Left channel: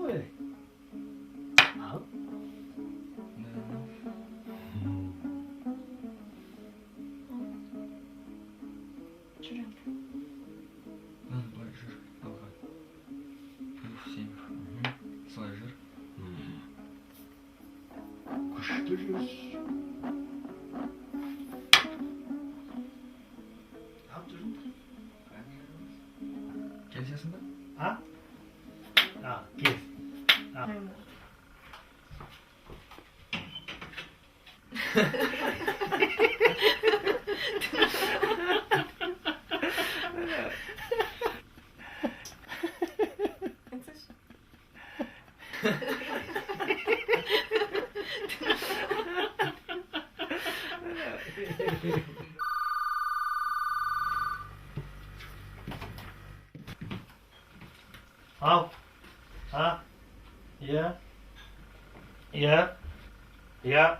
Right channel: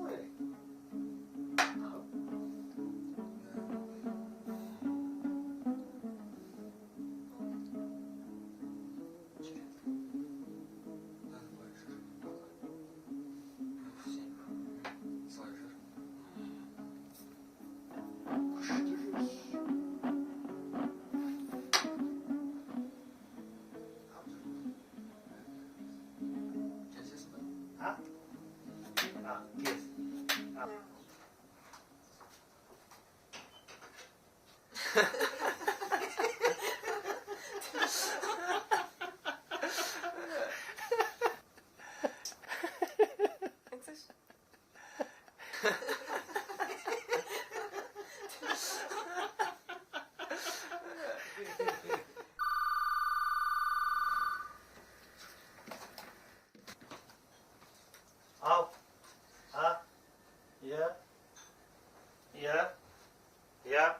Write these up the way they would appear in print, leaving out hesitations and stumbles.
Ой. Al. Жүрем. Былай жүр. Алға. 7. Солай жүр. Күшті жүріс. Al жүрім. Келісесің ба? Ha? Al, kes. Al. Al. Ha? Ya. Ya. Ya.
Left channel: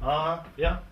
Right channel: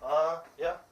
Ha, ya.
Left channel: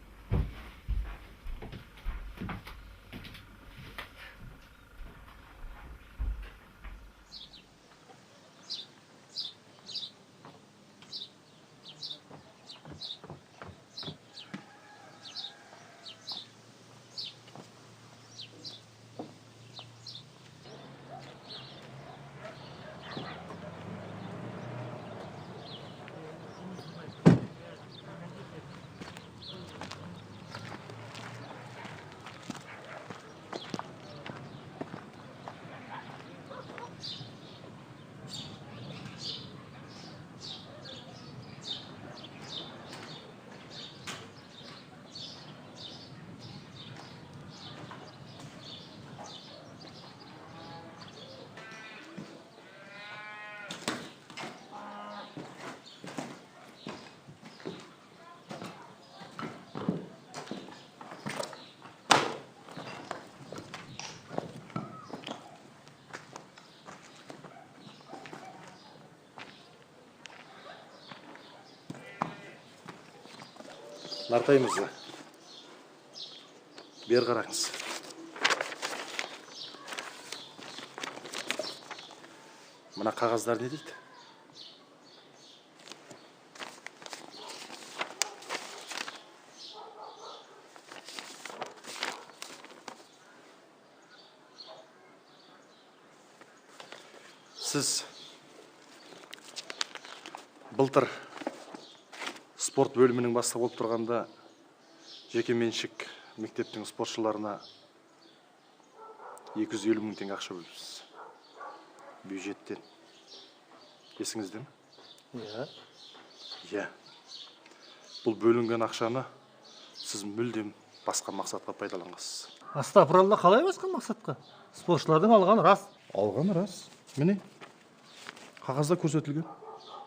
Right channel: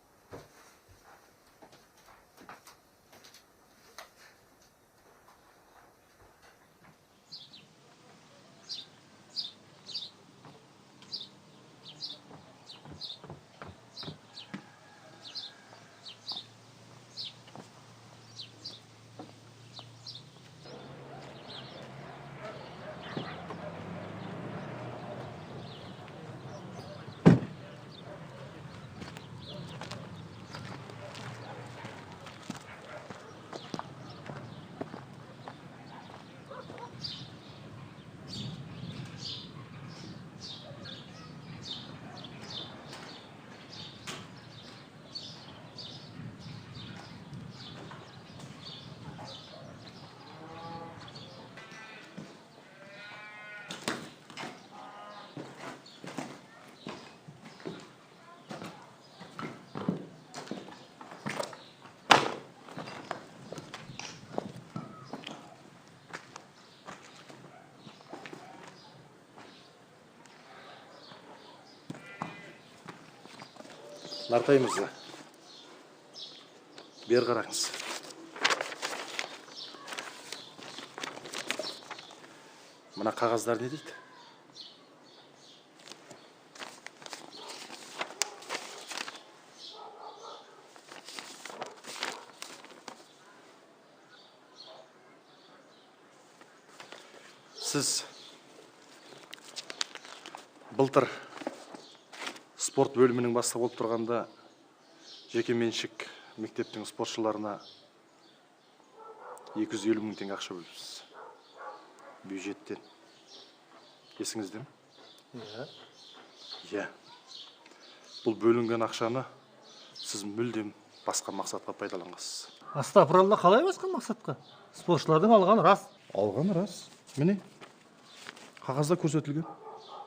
Нартай мырза, бер қараңыз. Мына қағаздар не дейді? Сіз былтыр спорт бөлімінің бастығы болып тұрғанда жеке меншік мектептің спортшыларына 250 мың теңге ақша бөліпсіз. Бюджеттен. Есіңізде ме? Иә. Иә. Бұл бөлінген ақшаны сіз мүлдем басқа мақсатқа пайдаланғансыз. Астапыралла, қалай басқа мақсатқа? Спортшылардың алғаны рас. Алғаны рас. Міне, қағазда көрсетілген.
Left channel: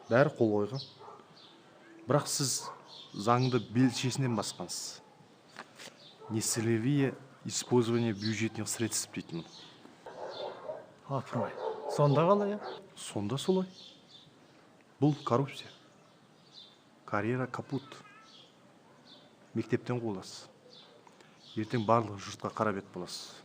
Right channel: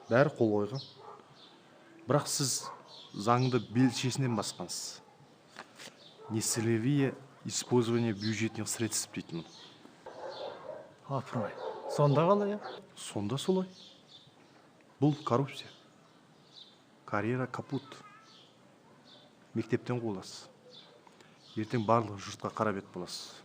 Бәрі қол қойған. Бірақ сіз заңды белшесінен басқансыз. Нецелевое использование бюджетных средств дейтін. Апырмай. Сонда қалай, я? Сонда солай. Бұл коррупция. Карьера капут. Мектептен қуыласыз. Ертең барлығы жұртқа қара бет боласыз.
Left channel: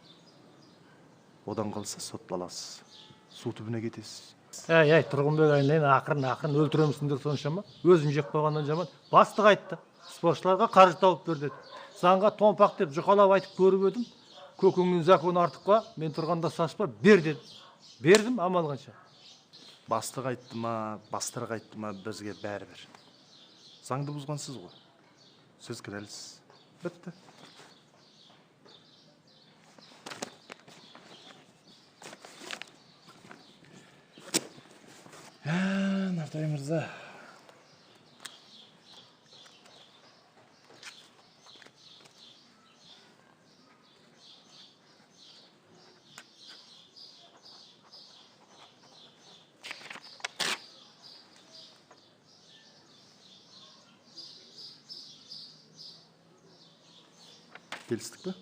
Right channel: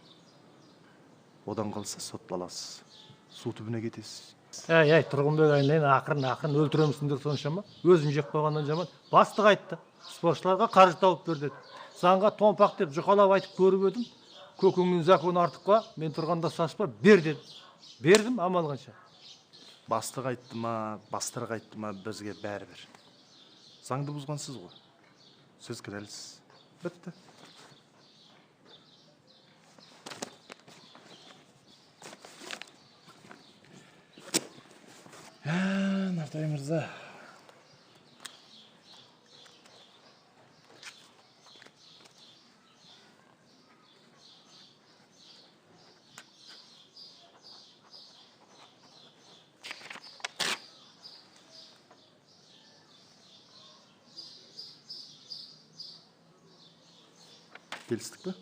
Одан қалса сотталасыз. Су түбіне кетесіз. Әй, Тұрғынбек айнайын ақырын өлтіремісіңдер соншама. Өзін жеп қойғаннан жаман. Бастық айтты. Спортшыларға қаржы тауып бер деді. Заңға томпақ деп жұқалап айтып көріп едім. Көкіңнің законы артыққа, мен тұрғанда саспа, бер деді. Бердім, амал қанша. Бастық айтты ма, бастық айтты ма, бізге бәрібір. Заңды бұзғансыз ғой. Сіз кінәлісіз. Бітті. Нартай мырза. Келістік пе?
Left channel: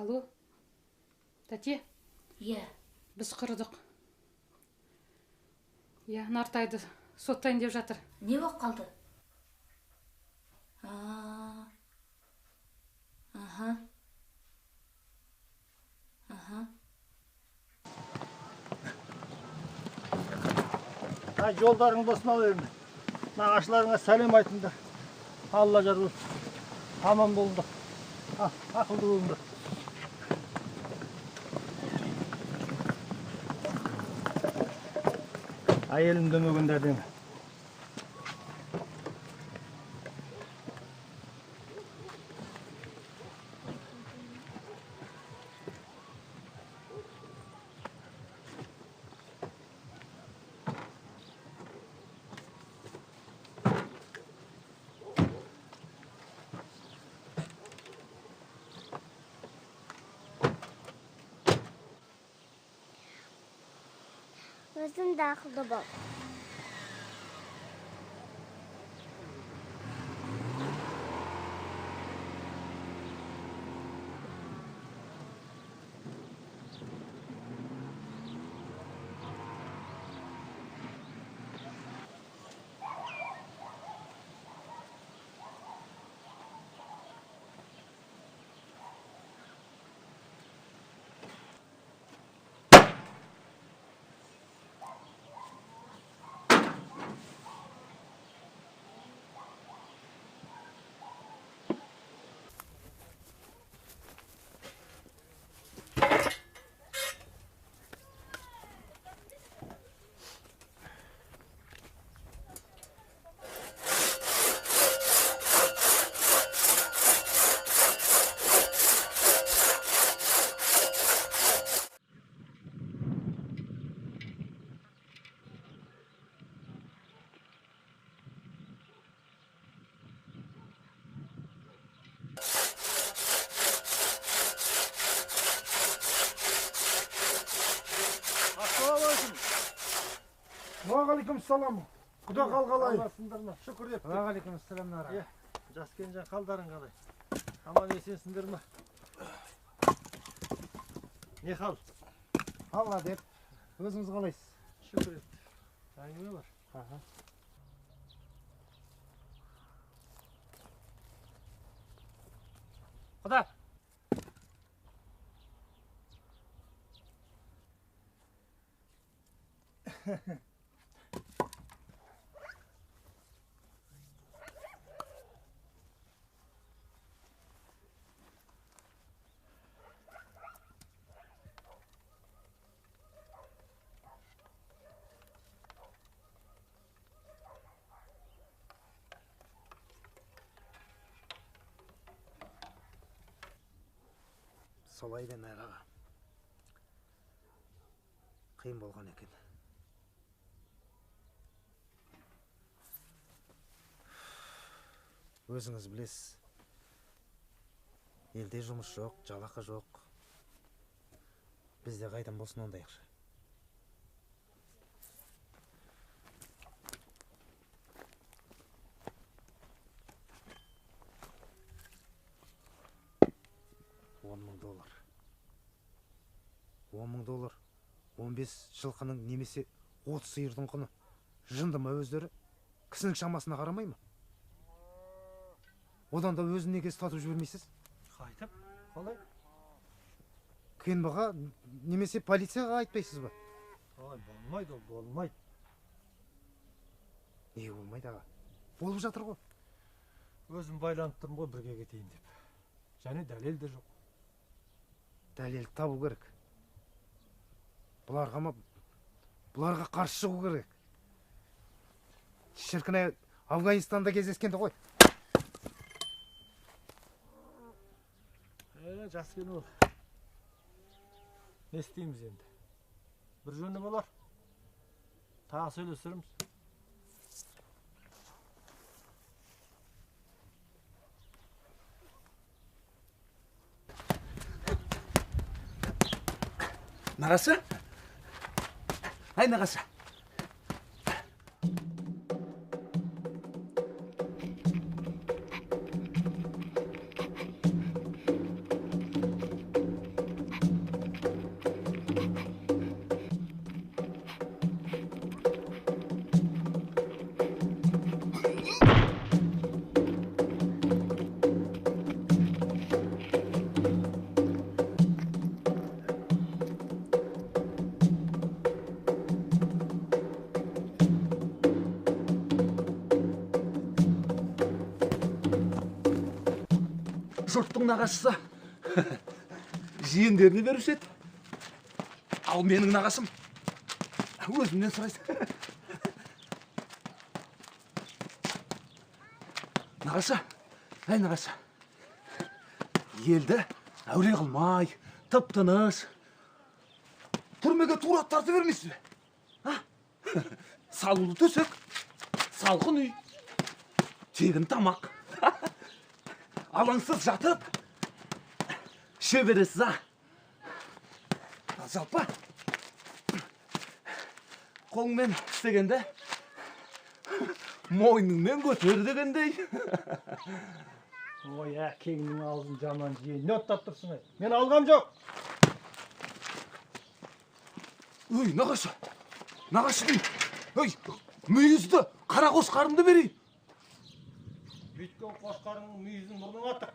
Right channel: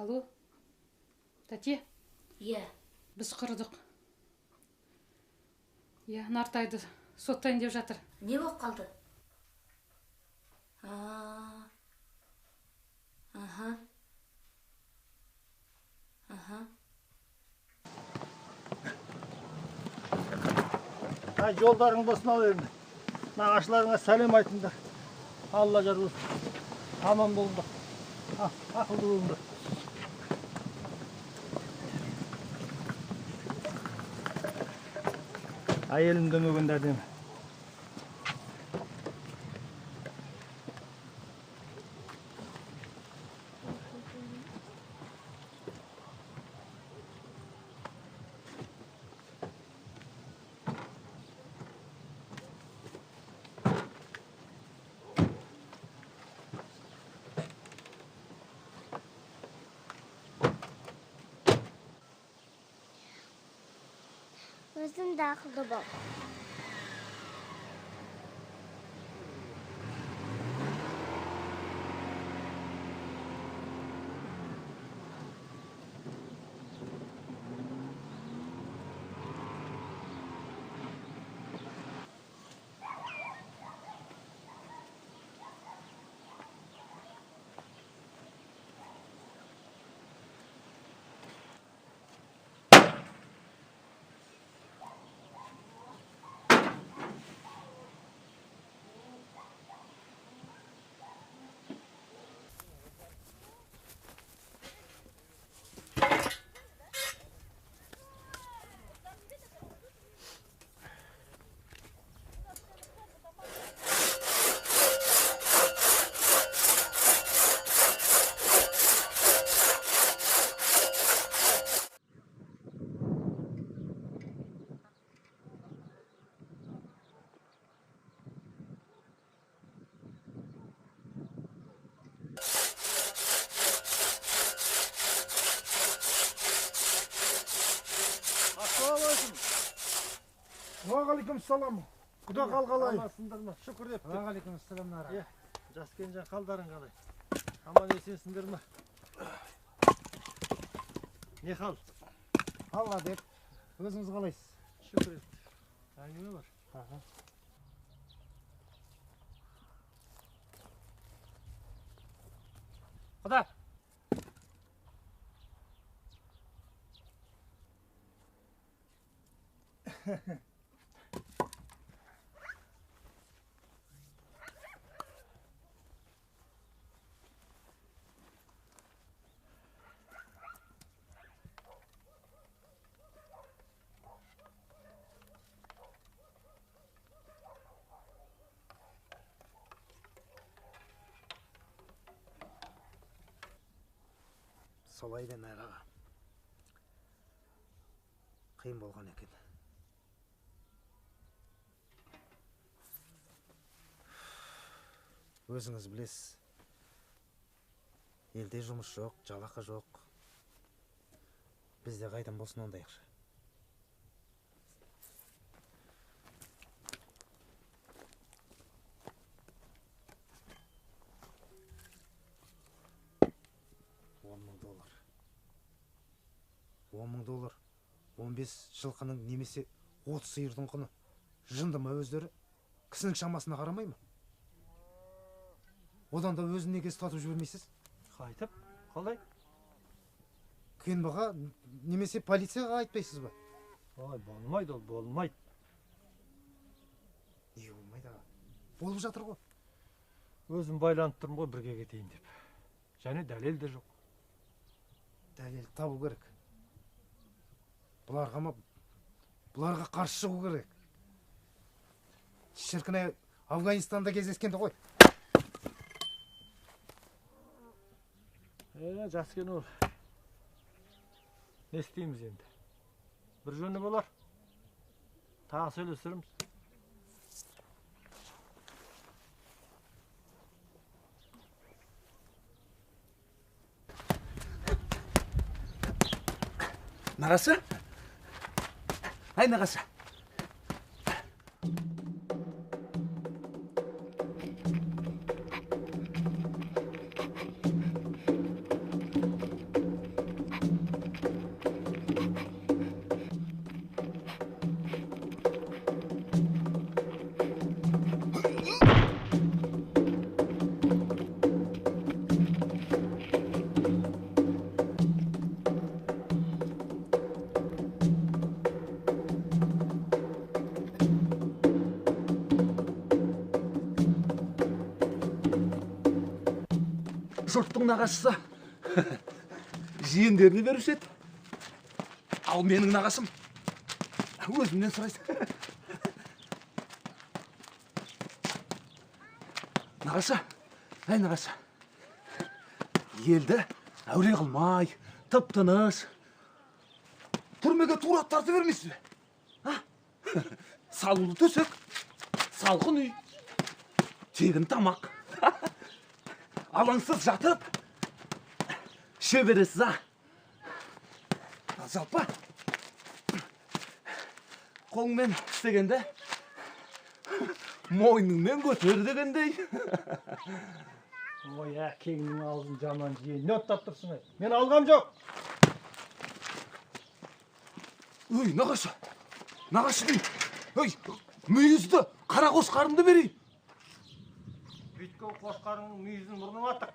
Алло, тәте, Иә, біз құрыдық. Иә, Нартайды соттайын деп жатыр. не болып қалды? Аха. Алла жазылсын. Аман болма. Уағалейкумассалам. Құда қалғалай. Амансыңдар ма? Шүкір деп. Уағалейкумассалам нара. Жас келінжан қалдарың қалай? Аман есенсіңдер ма? Не хал? Алла деп. Өзіңіз қалайсыз? Шүкір ет. Әңгіме бар. Құда! Солай бен аға. Қиын болған екен. Өзіңіз білесіз. Елде жұмыс жоқ, жалақы жоқ. Бізде қайдан болсын ондай ақша. $10,000. $10,000. 15 жылқының немесе 30 сиырдың құны. Жынды ма өздері? Кісінің шамасына қарамай ма? Одан да өзін неге ұстатып жібермейсіз? Қайтып? Қалай? Кенбаға немесе полицияға айтпайсыз ба? Ой, болмайды ол, болмайды. Не болмайды аға? Болып жатыр ғой. Өзім байланып тұрмын ғой бірге кетейін деп. Және дәлел де жоқ. Дәлел табу керек. Бұларға қарсы шығу керек. Шіркін Афганистанда кездескенде ғой. Жас келін ол. Не істейміз енді? Бір жөні болар. Тағы сөйлесіріміз. Нағасы? Ай, нағасы. жұрттың нағашысы жиендеріне беруші еді. Ал менің нағашым өзімнен сұрайсың. Нағашы, әй нағашы, елді әуре қылмай, тып-тыныш, түрмеге тура тарта бермейсіз бе? Салулы төсек, салқын үй, тегін тамақ, алаңсыз жатып, іше бересіз, жалпы, қолыңмен істегенде, мойныңмен көтер дегендей. Ой, әкеңнің аузын жаман жиен. Не оттап тұрсың, ай? Мен алғам жоқ. Өй, нағашы дейін. Өй, мүйізді, қара қошқарымды берейін. Бүйткен қошқарыңның мүйізін мұрның атық.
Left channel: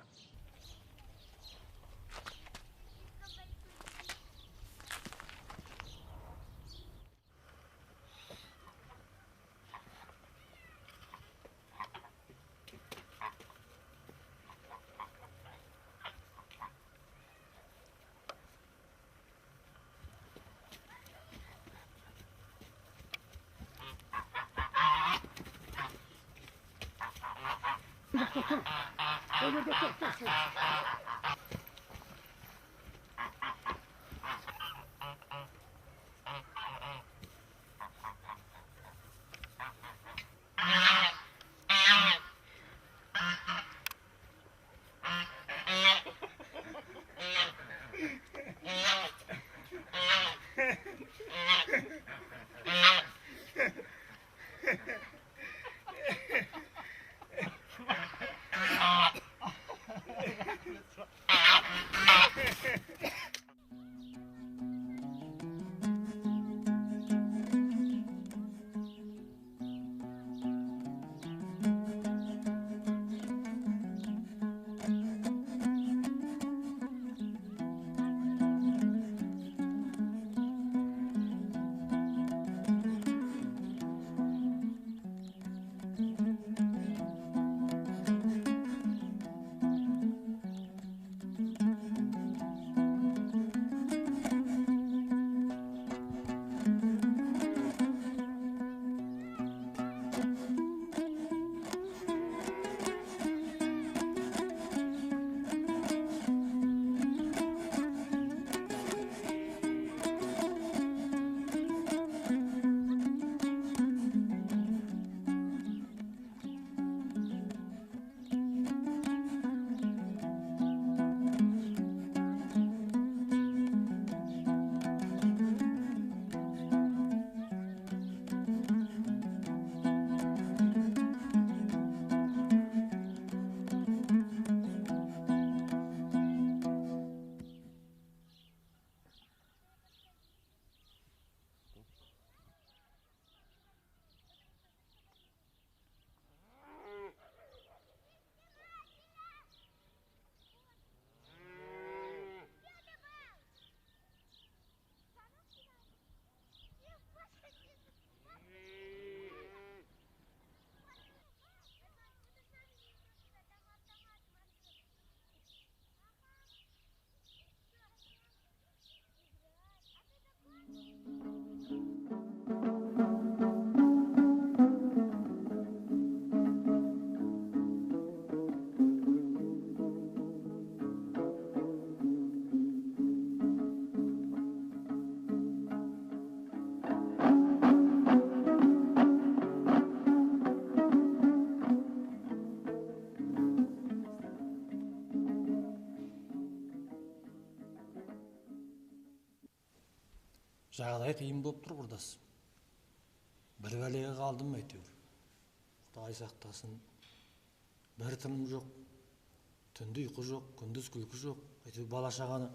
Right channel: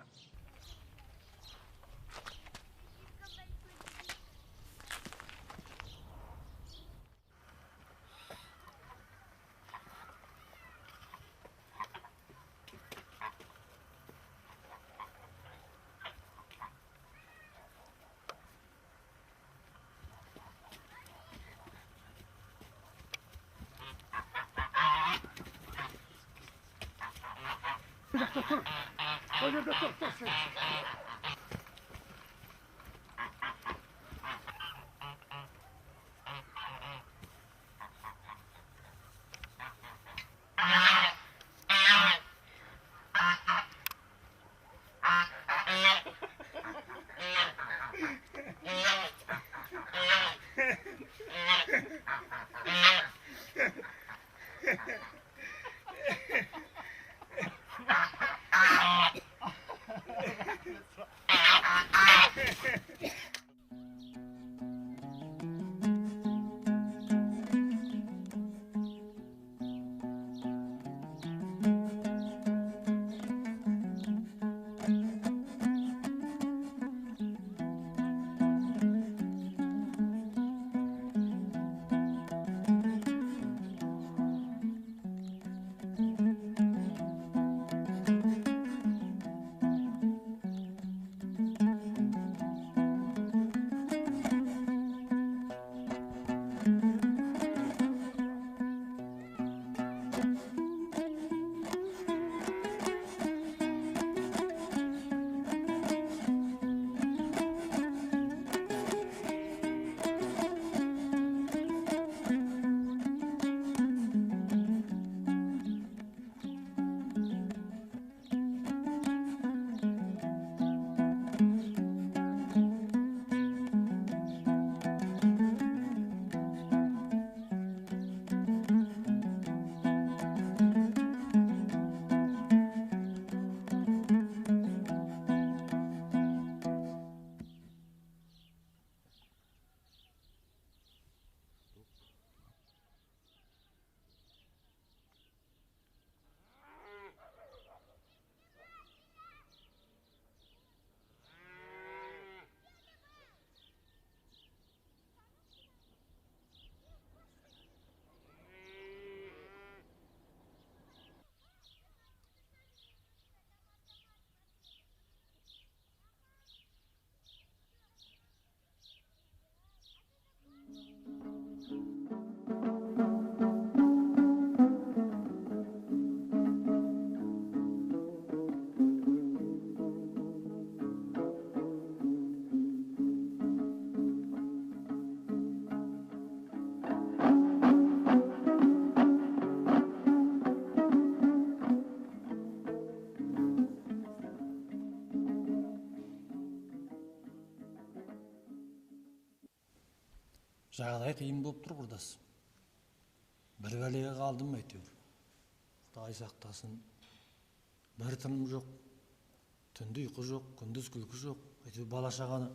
Bala-şağanı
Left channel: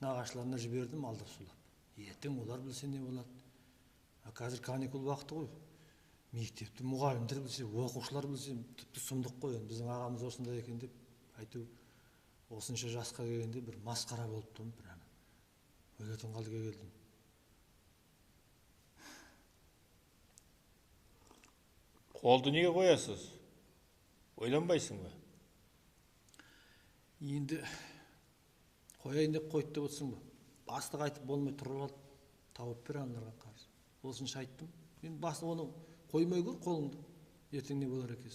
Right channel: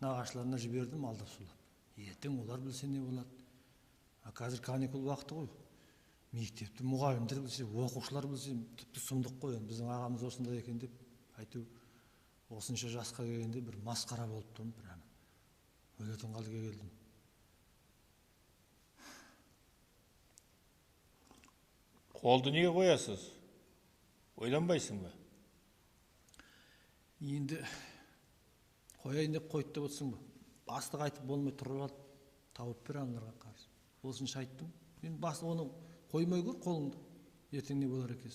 nağaçlarına жібердім адасында. Ертең олар білсене болады. Каникул уақыты ғой. Мектепті мұғалімдер білсе, оқушылар білсе, сұмдық қой. Біздің ағамыз осындай екен деп. Әйтеуір осынша жасқа келгенде бір масқара болып тұрмыз. Өлетін қазір келеді. Қолды неге қоясыз? Ойланбайсың ба? қойды деп отырсың ғой. Бастық айтып болмай тұрып алып тауып бер андаған қазір. Осынша айттым. Мен бастық оны қоймай ғой қолыңды. Ертең не болар еді.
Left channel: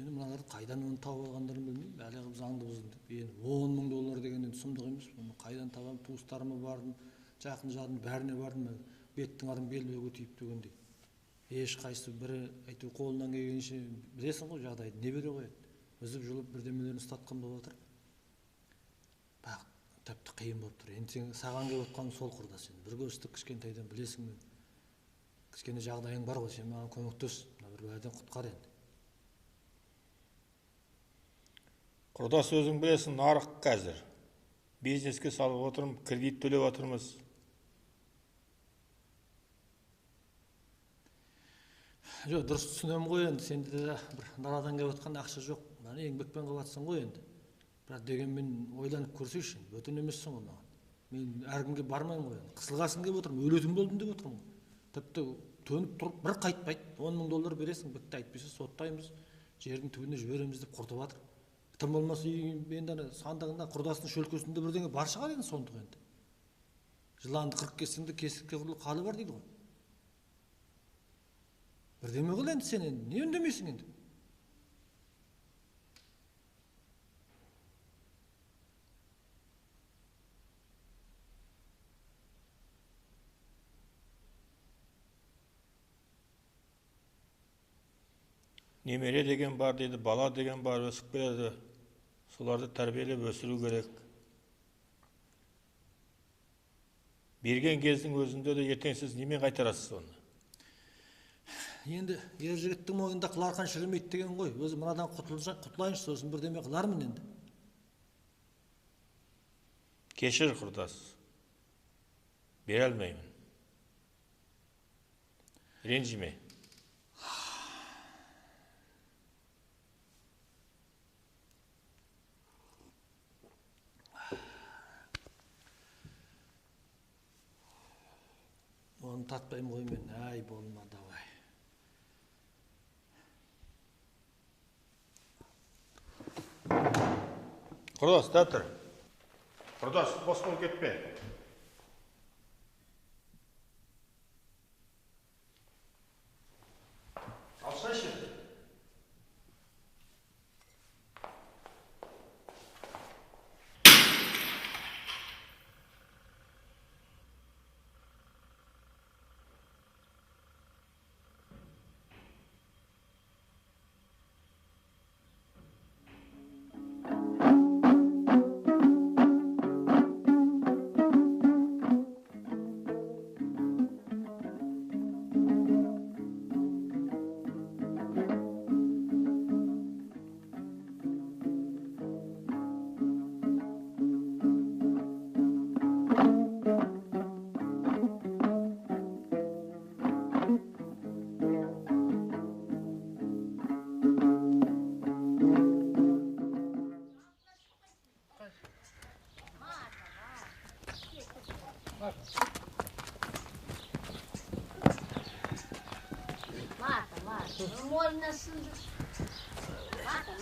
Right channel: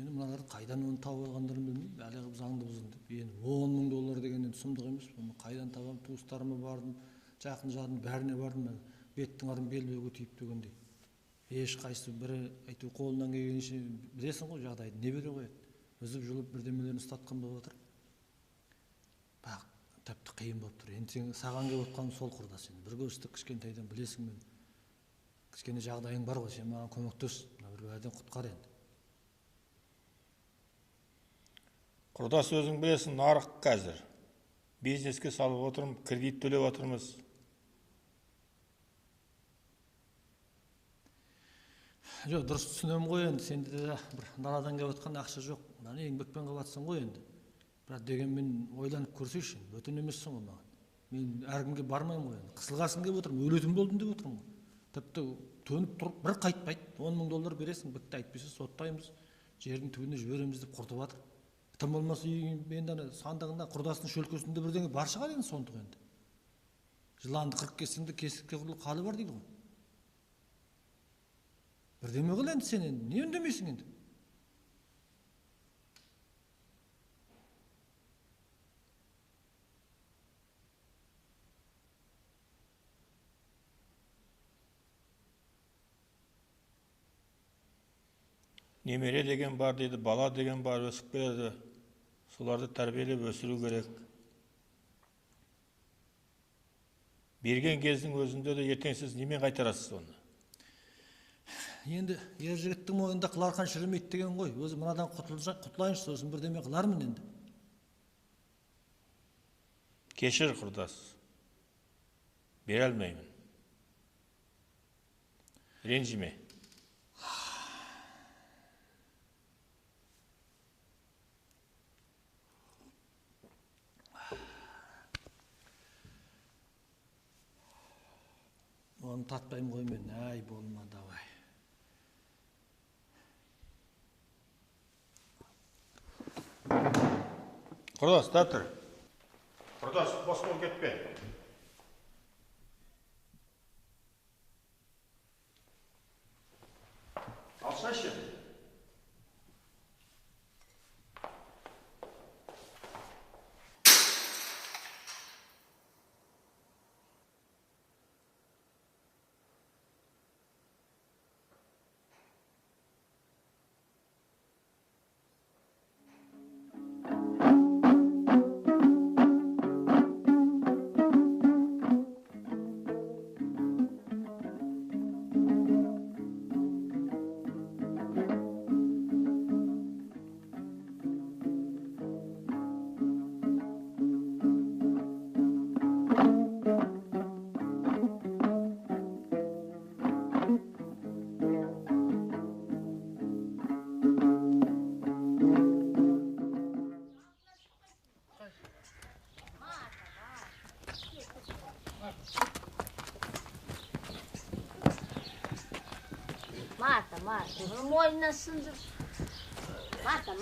Енді маған қайдан оны тауып алғандарын білмеймін. Жаңағы заңды $10,000 деген сұмдық емес. Қайдан табам, туыстарыма бардым, жақындарым, бәріне бардым. Беттің арын беліне көтеріп деген. Ешқайсысы бірі қолынан келген үшін білесің ғой жағдайды. Не бере қойды? Өзі жүріп бірдемені ұстатқан болып отыр. Тәтті қиын болып тұр. Мен сені саған деп отқаным сол құрдасың. Бір көрсетіп кішкентайдан білесің. Кішкене жағдайың бар ғой, сен маған көмектес. Жағдайдан құтқарайын. Құрдас өзің білесің, нарық қазір. Бизнеске салып отырмыз, кредит төлеп отырмыз. Жоқ, дұрыс түсінемін ғой енді. Сенде де даладан жеп отқан ақша жоқ. Еңбекпен қаласың ғой енді. Бірақ дегенмен ойланып көрсейікші. Өтін емессің онда. Мен әркімге бармаймын ғой. Құрдасың деп отырмын, өлетін болдым деп отырмын. Тіпті төніп тұрып бір қайтпайды. $10,000 бересің, бітті әйтпесе соттаймыз. Жердің түбіне жібереміз деп құртып жатыр. Тым болмаса енді сандығында құрдастың шөлкесінде бірдеңе бар шығар енді сонда енді. Жыланды қырып кетсеңде кесікке бұрылып қалы бар дейді ғой. Бірдеңе қыл енді сен енді, не үндемейсің енді? Немере деген бар дейді, бала деген бар, өсіп келеді. Соларды тәрбиелеп өсіру керек. Берген кездің өзінде де ертең сіз немен қайтарасыз оны? Енді ер жігіттің мойнында қыларқан шірмейді деген ғой. Өзі мынадан құтылсақ құтылайыншы, сосын бірдеңе қылармын енді. Кешір, құрдас. Бере алмаймын. Ренжіме. Оны таппаймын ғой мен, ай, қолымнан алай. Құрдас, тәтір. Құрдас, бос бол кетпе. Алсайшы енді. Mata. Mojna sındı. Mata.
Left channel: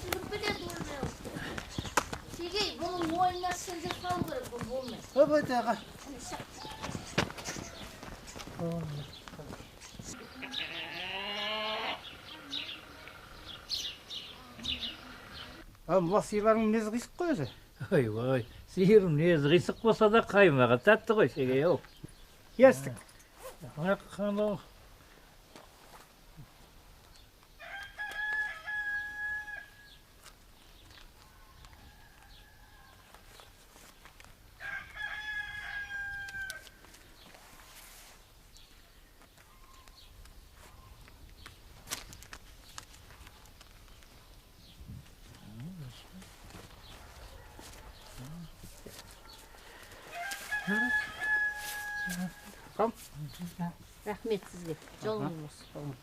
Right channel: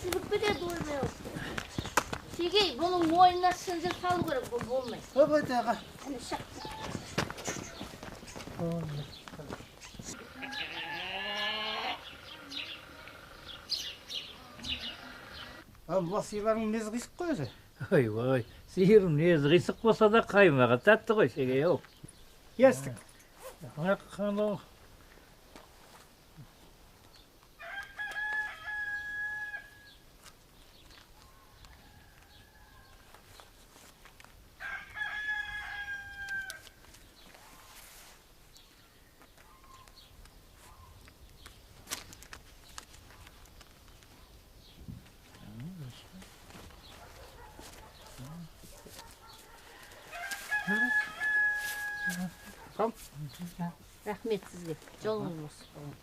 Siz bir de durmuyor. Sige, bunun mojna sındı kalır bu olmaz. Hop ağa. Мына сиырлардың мінезі қисық қой өзі. Ой, сиыр мінезі қисық болса да қаймағы тәтті ғой шегей ау. Естік. Қанау. Рахмет сізге. Жолыңыз болсын.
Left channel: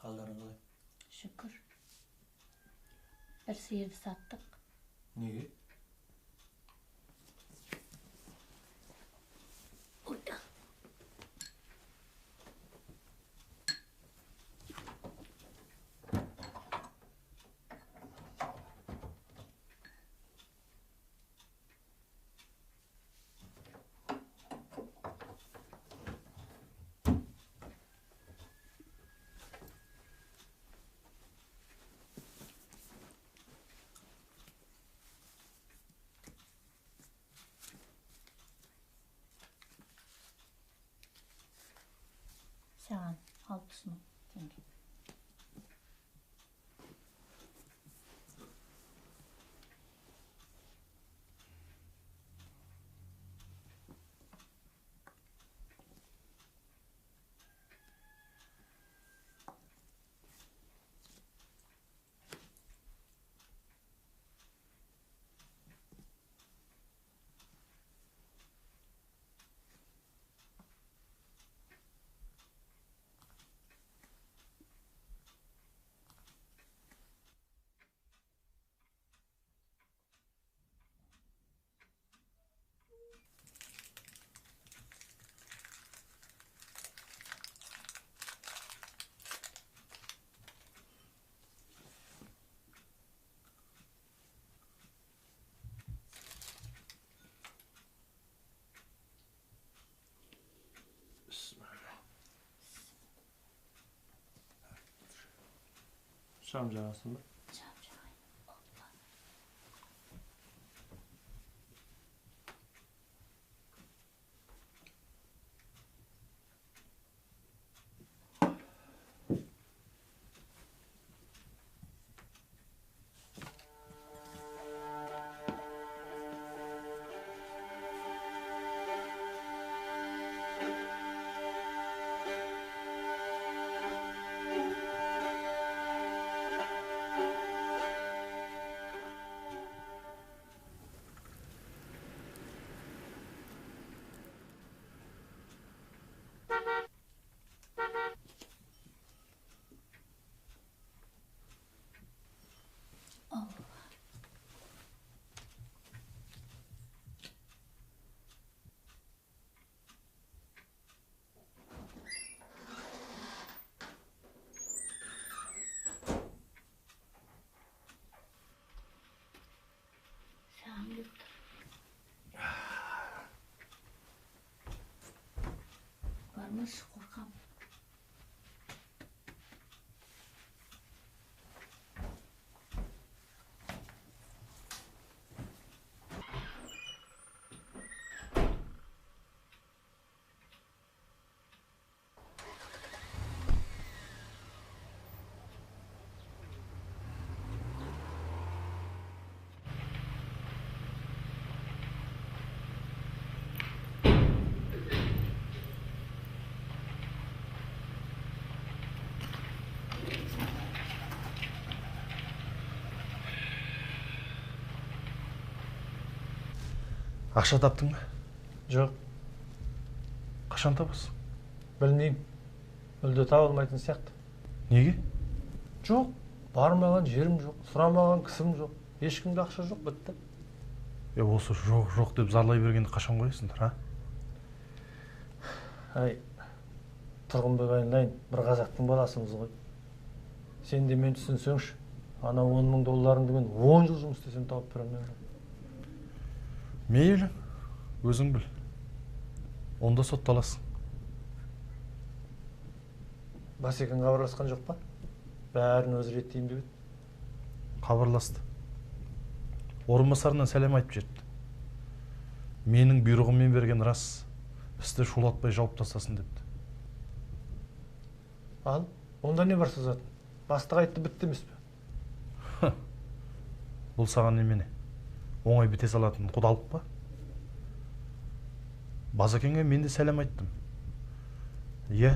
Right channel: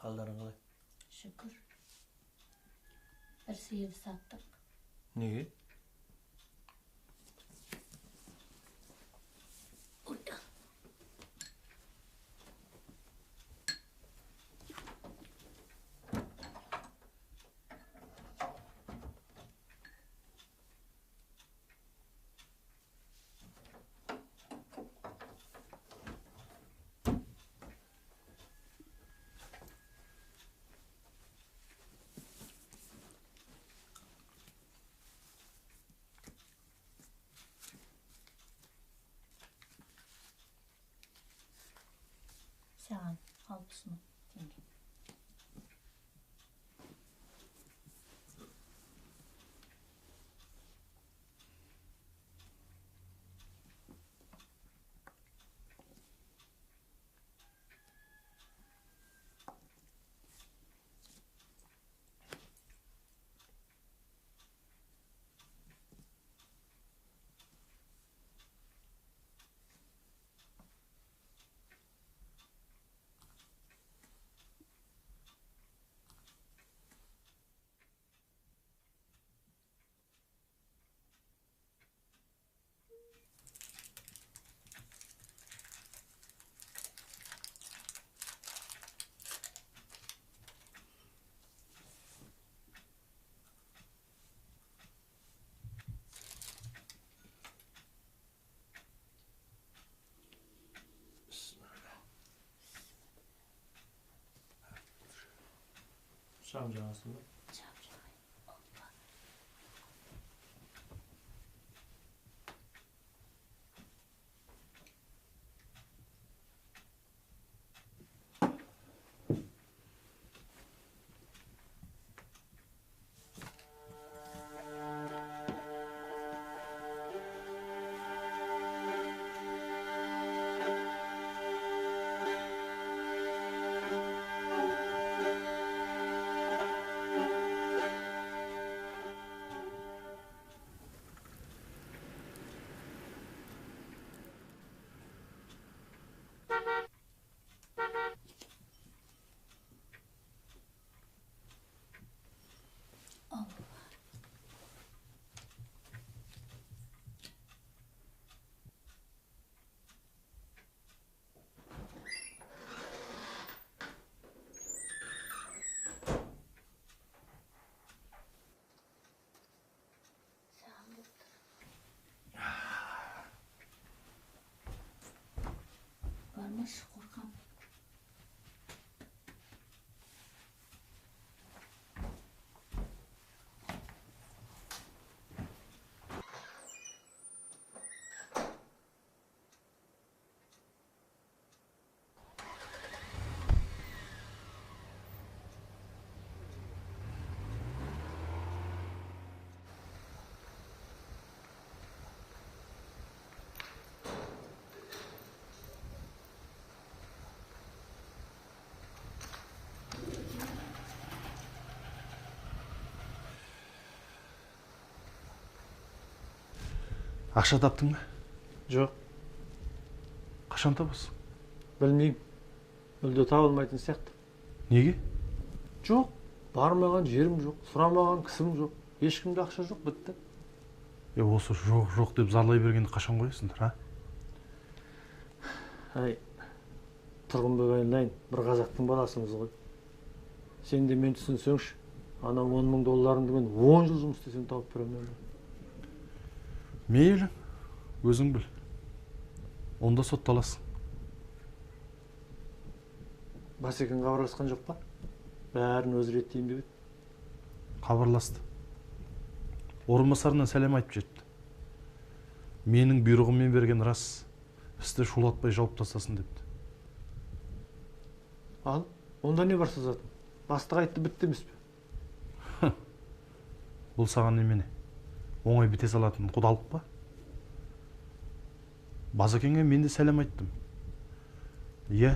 Қалдарың қалай? Шүкір. Бір сиырды саттық. Неге? Саған 60 мың теңге. Şam жағасың ба? Barmış korkam. Ақша таптың ба? Жоқ, Қашан табасың? білмеймін. Мүлде табылмайтын сияқты. Неге? Жоқ, бармаған жерім жоқ, сұрамаған кісім жоқ. Ешкімде ақша жоқ, бітті. Осы жоқ деп зарлай бергенді қашан қоясыңдар, а? Ай, Тұрғынбек айналайын, бір қазақтың баласымыз ғой. Сен де мен түсінсеңші, ана 10 мың долларыңды мен 10 жыл жұмыс істесем тауып беремін ба? Мейлі, өзің біл. Онда сотталасың. Басекең хабарласқан жоқ па? Бәрін өзі реттейін деп еді. Хабарласты. Орынбасарына сәлем айтып жетті. Менің бұйрығыммен берген рас, істі шулатпай жауып тастасын депті. Ал, онда не бар сызатын? Бастық айтты, бітті емес пе? Бұл саған немене? Оңай біте салатын құдалық па? Басекеңе мен де сәлем айттым. Иә,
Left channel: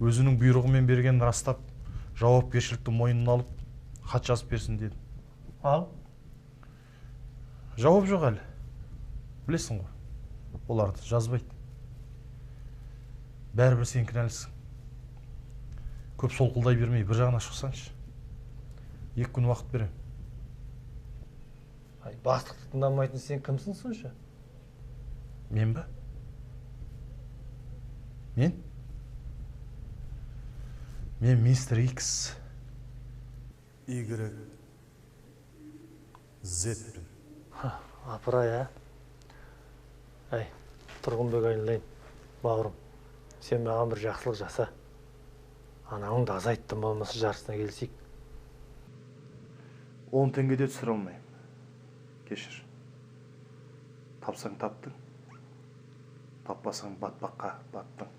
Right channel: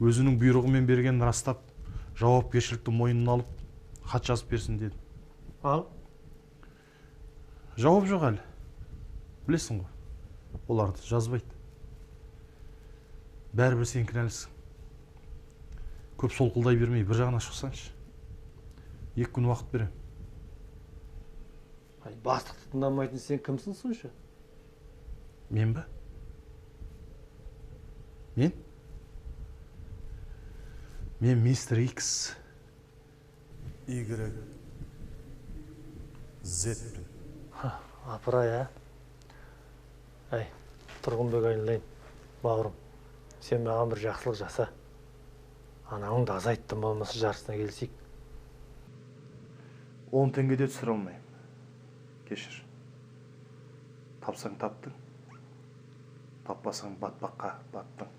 өзінің бұйрығымен берген растап, жауапкершілікті мойнына алып, хат жазып берсін деді. Ал? Жауап жоқ әлі. Білесің ғой, оларды жазбайды. Бәрібір сен кінәлісің. Көп солқылдай бермей бір жағына шықсаңшы. 2 күн уақыт берем. Ай, бастықты тыңдамайтын сен кімсің сонша? Мен ба? Мен мистер Икс. Y Зетпін. Апырай, а? Ай, Тұрғынбек айналайын, бауырым. Сен маған бір жақсылық жаса. Анауыңды азайттым болмаса жарысына келсек. 10 теңгеде түсіре алмайым. Кешір. Тапсаң таптың. Таппасаң батпаққа баттың.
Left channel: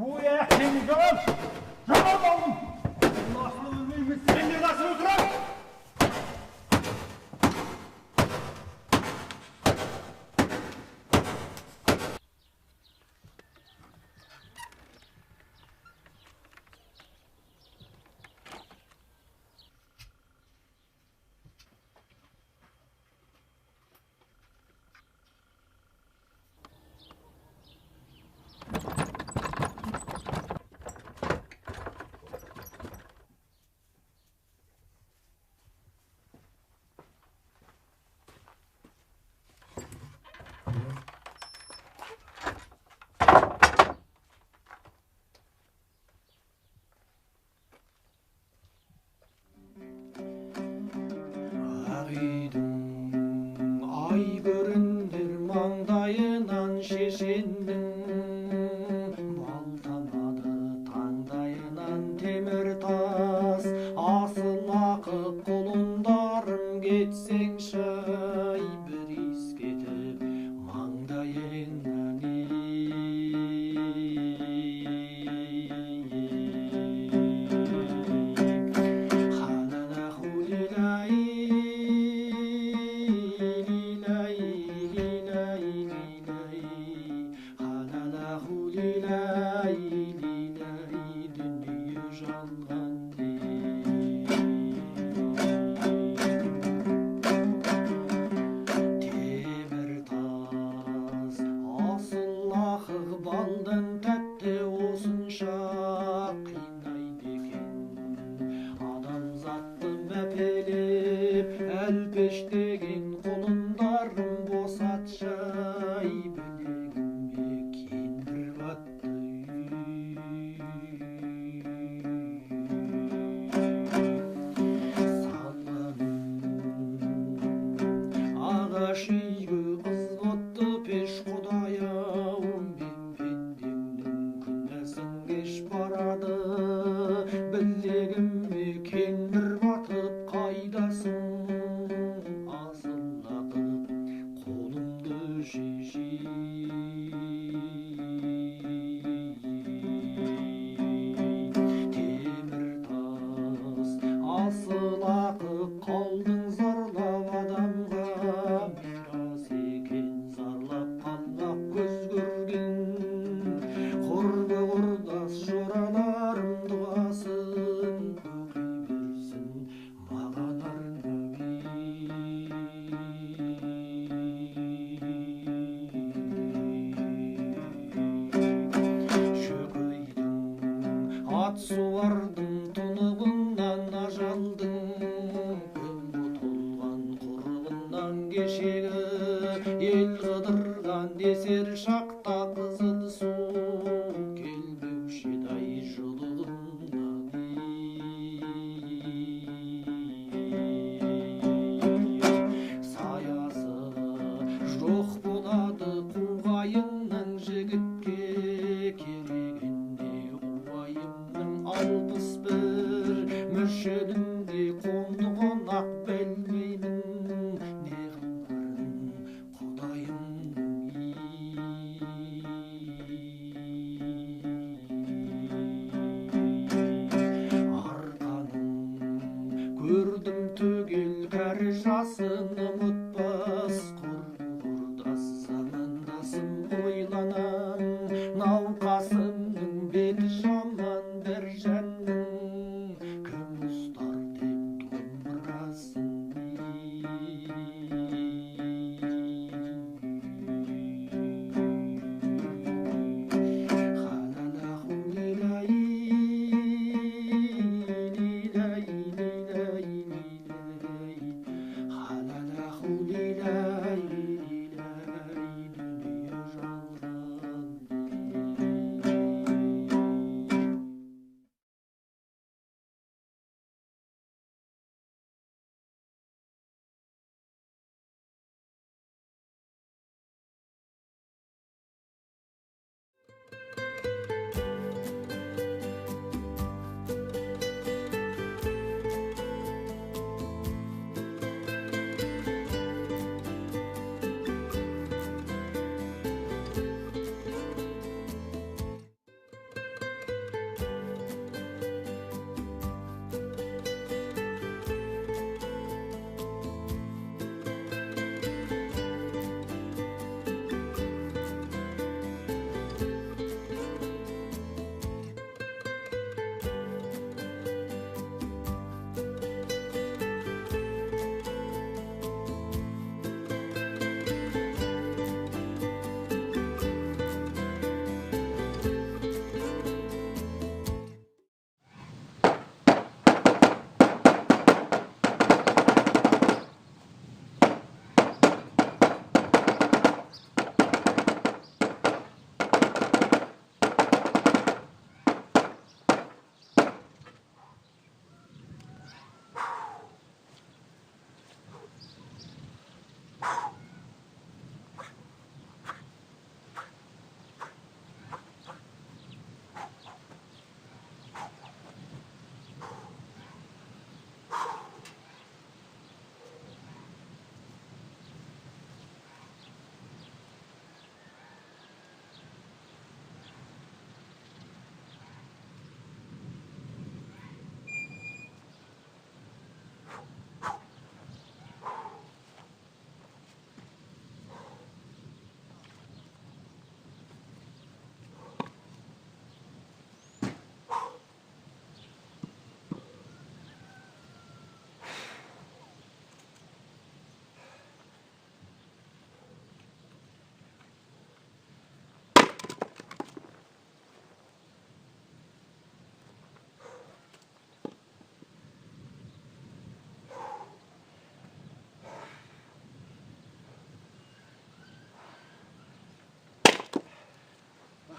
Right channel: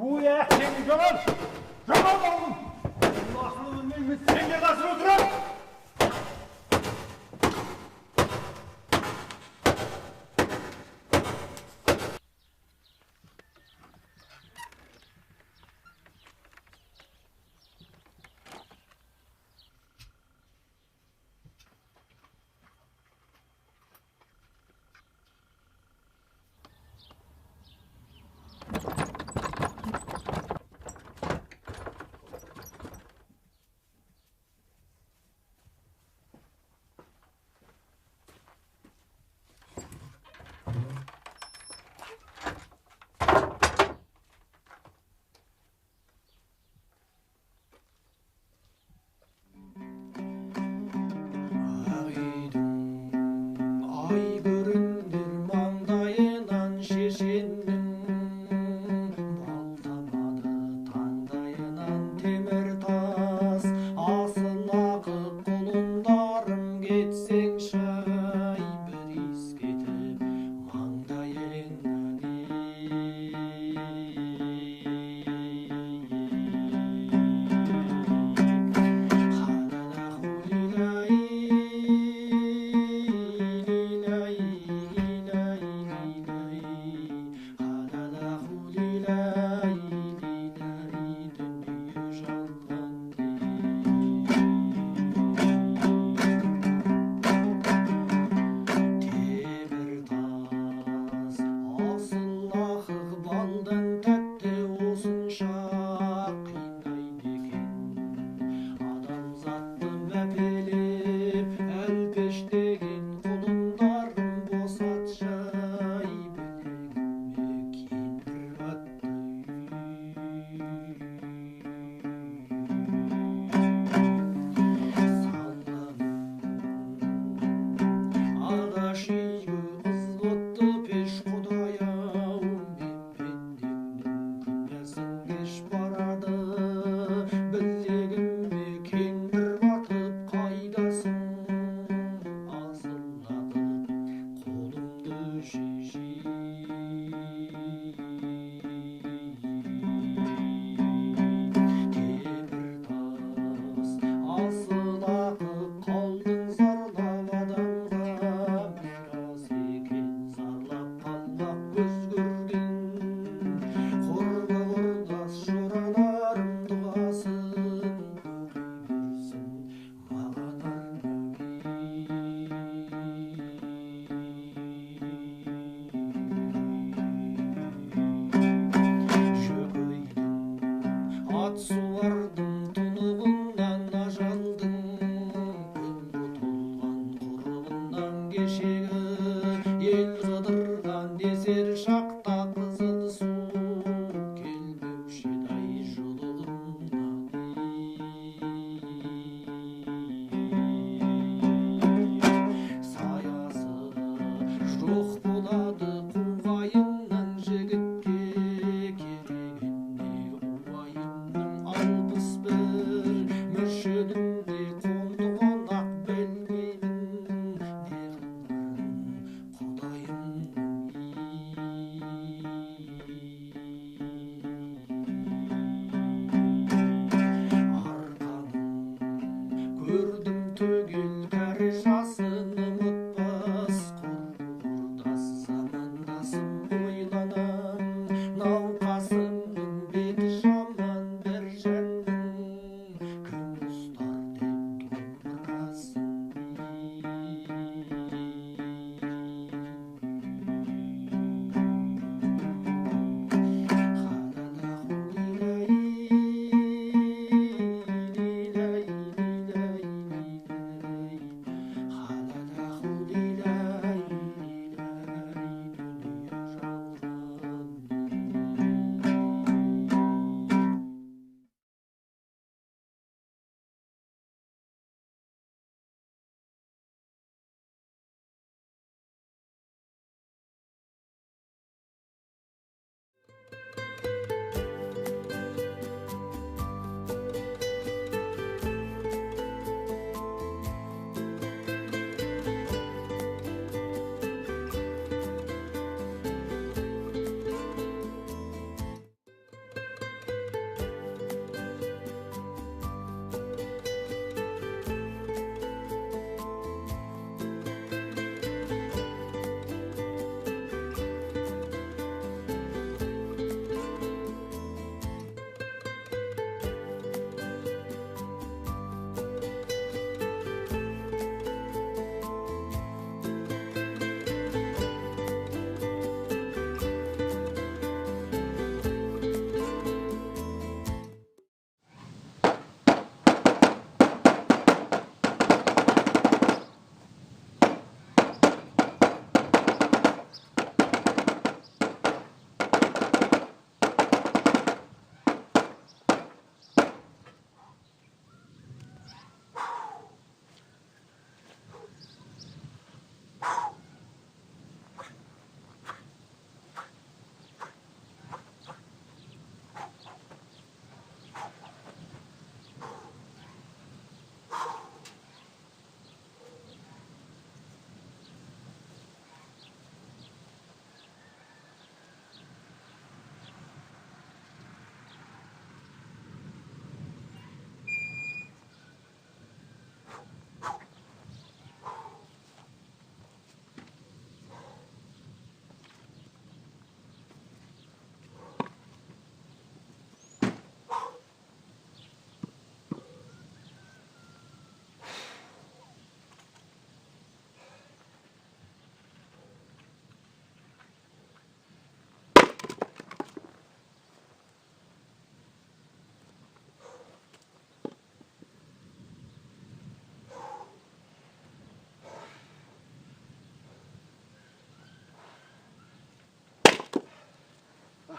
Uya, seni Canan! Canan oğlum! Bunun aklını bilmeyeyim, sen de nasıl oturan? Ай көріндер маңдайынан шешеннің, балтамады таңдайынан темір тас, асыл ақы құлындарым кетсеңші, ай бір иіскетіп маңдайыңнан балдан тәтті осынша қинайды екен адамзатты мәпелеп әлпештеген құлындарым босатшы, ай білегіме кендір батты. Салғаным ағаш үйге қыз отты пеш құдай-ау, барады білегіме кендір батып қайдасың, асыл ақып қолымды шешей. Темір тас асыл ақып қалдың зарлап адамға, мирас екен зарлап қалмақ көз көрген. Құрбы құрдас жораларым дұғасын оқи берсін маған жөкейдің ат суардым тұнығынан ажалдың, күнгі толған құрығынан кешегі ел қыдырған десер шақта қызыл су келбеуші-ай жұлығымнан. Саясы жоқ болады қуғайыннан жігітке, керегінде уайымның 61 мүршідінде қонды қонақ білмеймін, не қыларын құдайымның. Арқаның көрдім түгел кәрі жасын ұмытпас, құрдас замандасым ойланан, науқасымның беті жаман бір жанның, кім ұстар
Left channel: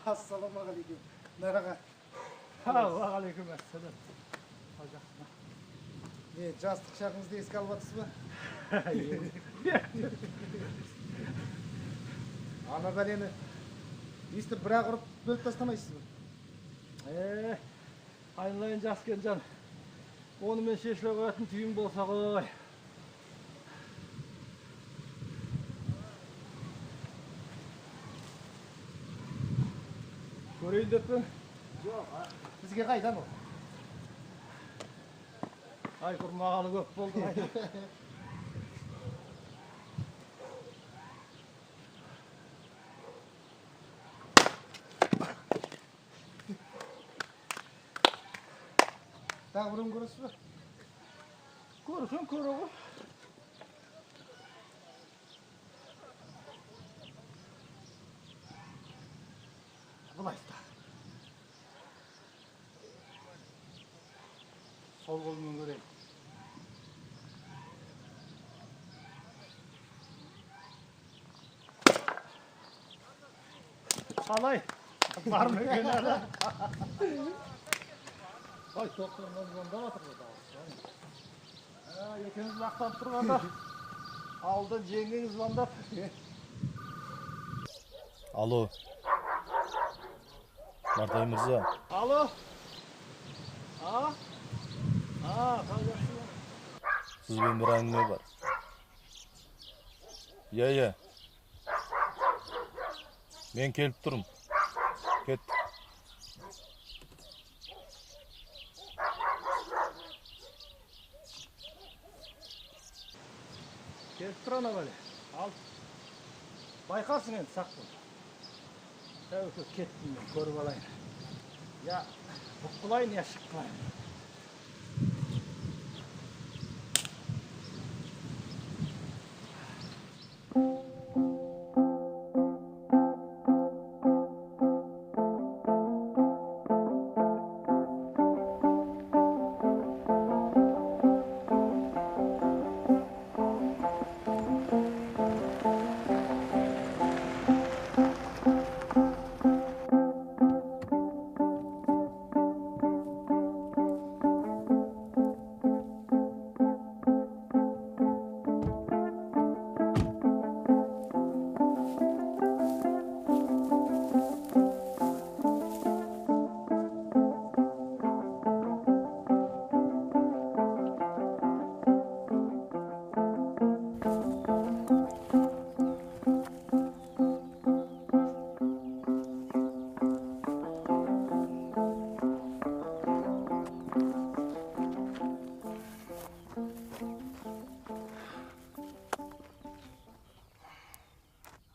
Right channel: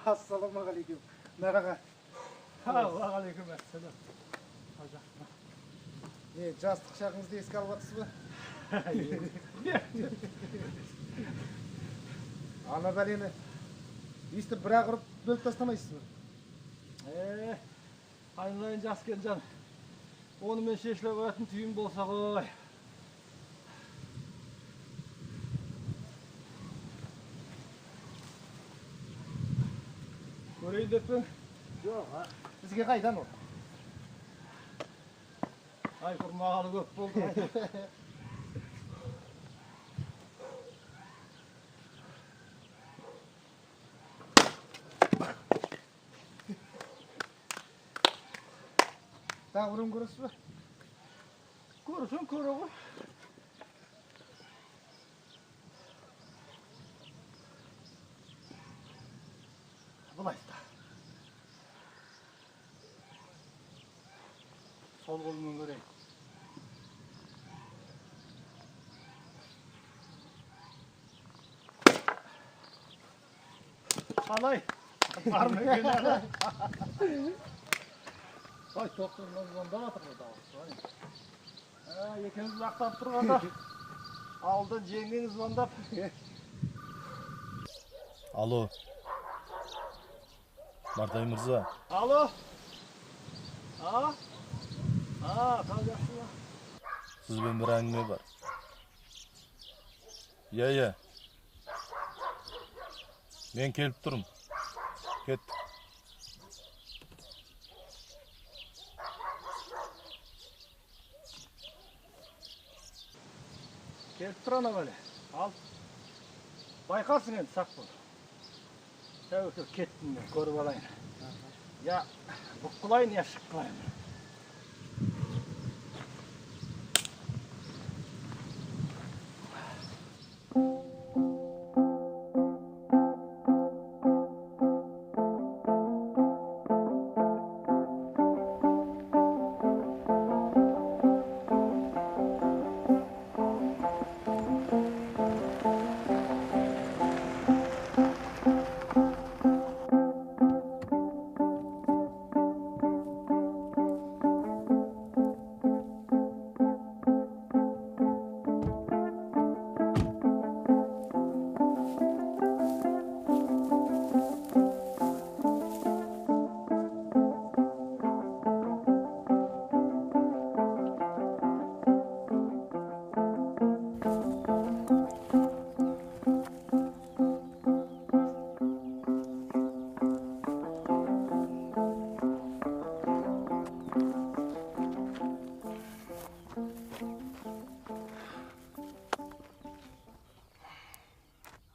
Ассалаумағалейкум. Нараға. Уағалейкум ассалам. Не, жастық шағыңызды еске алып жатсыз ба? Ана бәлені естіп бір-ақ ұрып бөліп тастамайсыз ба? Айналайын жас Кенжан. Онымен шешіле қоятын түйін болса ғой. Көрейін деп пің? Жоқ, бізге қайдан ол? Ай, құрмағалы көп болды. Тағы бірін көресіз ба? Көрсең көре ғой. Бұлайста. Сол қолымен көрейін. Қалай? Бар ма екен әлі? Ай, тоқтырынан звондап жатыр ғой дауыс. Екеуміз мақтанып тұрғанда ауылдан жеңгеңіз звондап. Алло. Нартай мырза. Алло. Қал жақсы ма? Сізбен бір әңгіме бар. Иә. Мен келіп тұрмын. Кет. Келіп тұр ана бәле. Ал. Байқарсың енді сақ бол. Тәуекел кеттім мен, көріп алайын. Я бұққылайын, я шыққылайын.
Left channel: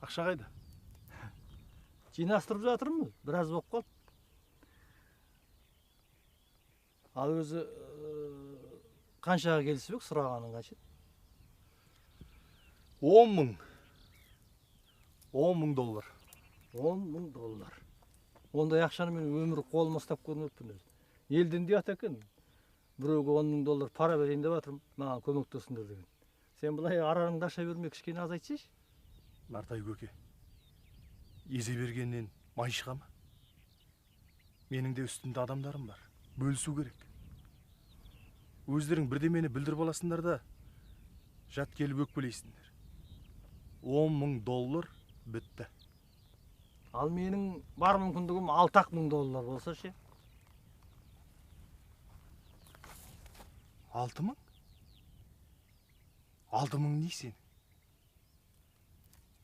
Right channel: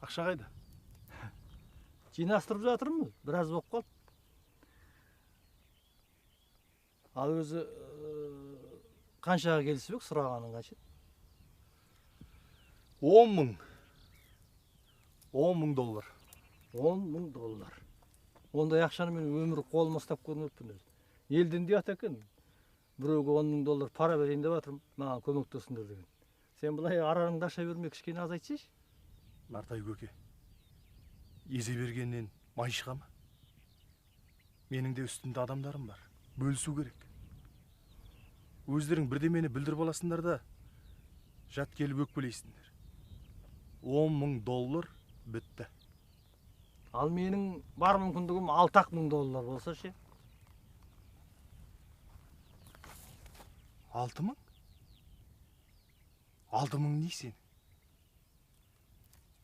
Ақша қайда? Жинастырып жатырмыз, біраз болып қалды. Ал өзі қаншаға келісіп ек, сұрағаның қанша? 10 мың. 10 мың доллар. 10 мың доллар. Ондай ақшаны мен өмірі қолыма ұстап көрмеппін өзі. Елден де ат екен. Біреуге 10 мың доллар пара берейін деп жатырмын, маған көмектесіңдер деген. Сен былай араңды аша бермей кішкене азайтсайшы. Нартай көке, езе бергеннен май шыға ма? Менің де үстімде адамдарым бар, бөлісу керек. Өздерің бірдемені білдіріп аласыңдар да, жат келіп өкпелейсіңдер. 10 мың доллар бітті. Ал менің бар мүмкіндігім 6 мың доллар болса ше? 6 мың? 6 мың не сен?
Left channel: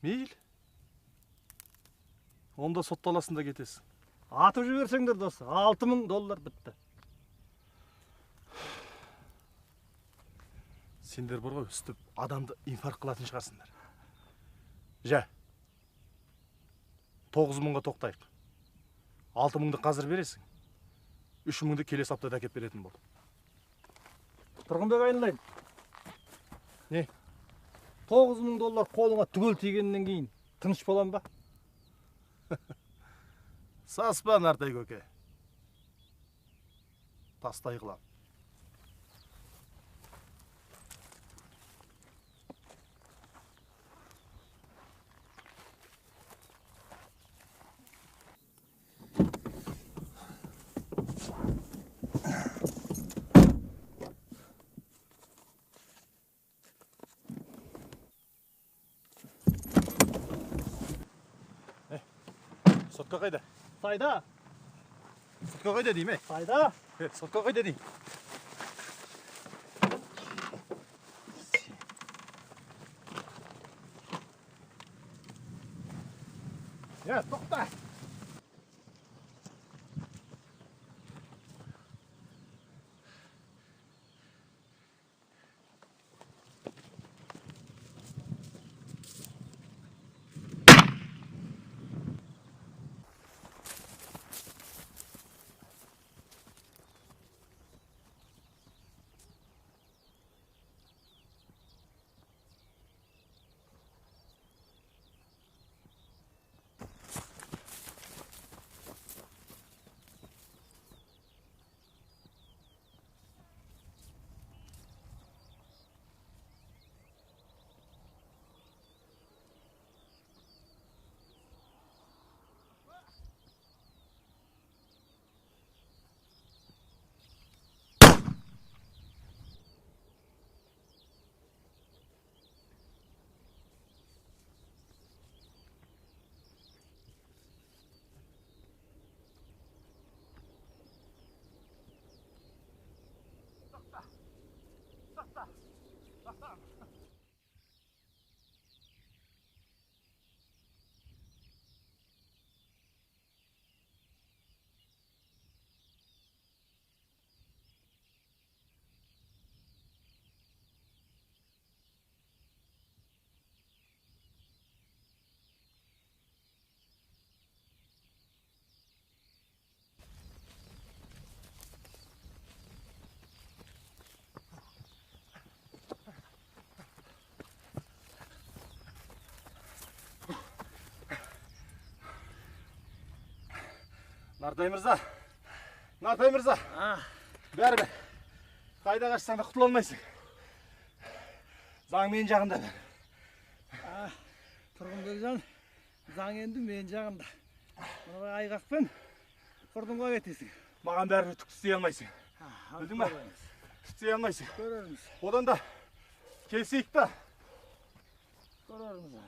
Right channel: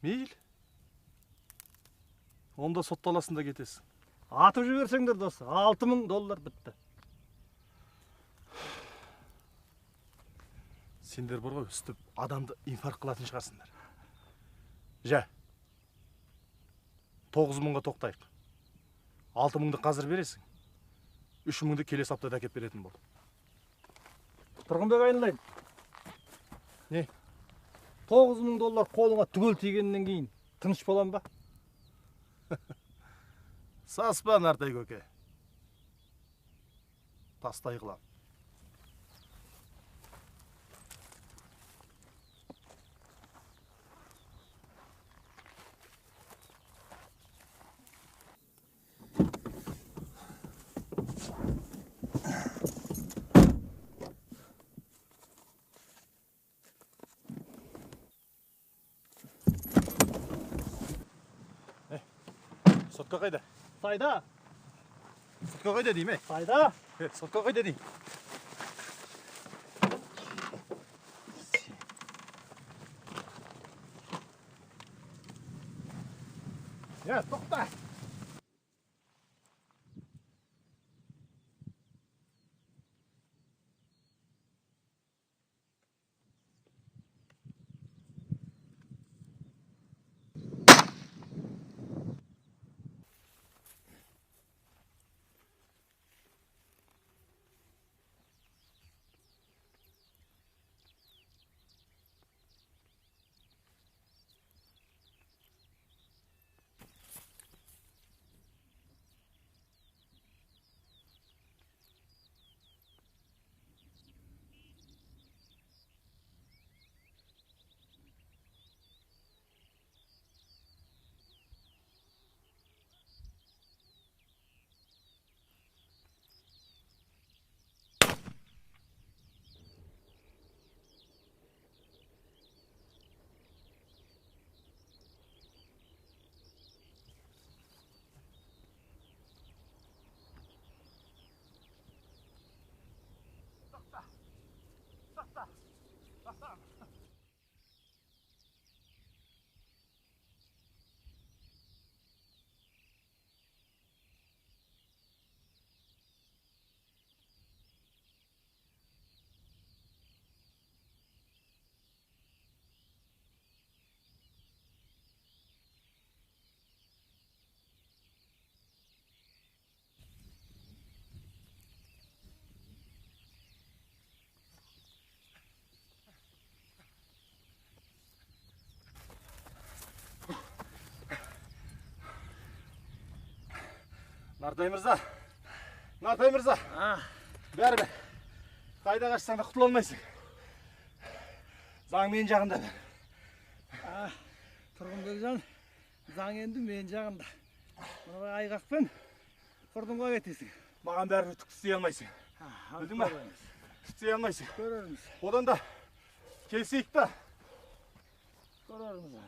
Мейл. Онда сотталасында кетесің. Атып жіберсеңдер досы, 6 мың доллар бітті. Сендер бар ғой, үстіп адамды инфаркт қылатын шығарсыңдар. Жә, 9 мыңға тоқтайық. 6 мыңды қазір бересің. 3 мыңды келесі аптада әкеп беретін бол. Тұрғынбек айналайын. Не? 9 мың доллар қолыңа түгел тигеннен кейін тыныш болам ба? Саспа, Нартай көке. Тастай қылам. Сотка қайда? Сайда. Сотка қайда дейм, Сайда. Сотка қайда дейм. Тоқта. Нартай мырза. Нартай мырза. Бәрібір. Қайда қашсаң да құтыла алмайсың. Заң мен жағында. Тұрғынбекжан, заң енді мен жағында. Мына айғақпен құрдымға кетесің. Маған бәрібір түк істей алмайсың. Білдің ба? Істей алмайсың. Көрерміз. Одан да келсейік та. Көрерміз.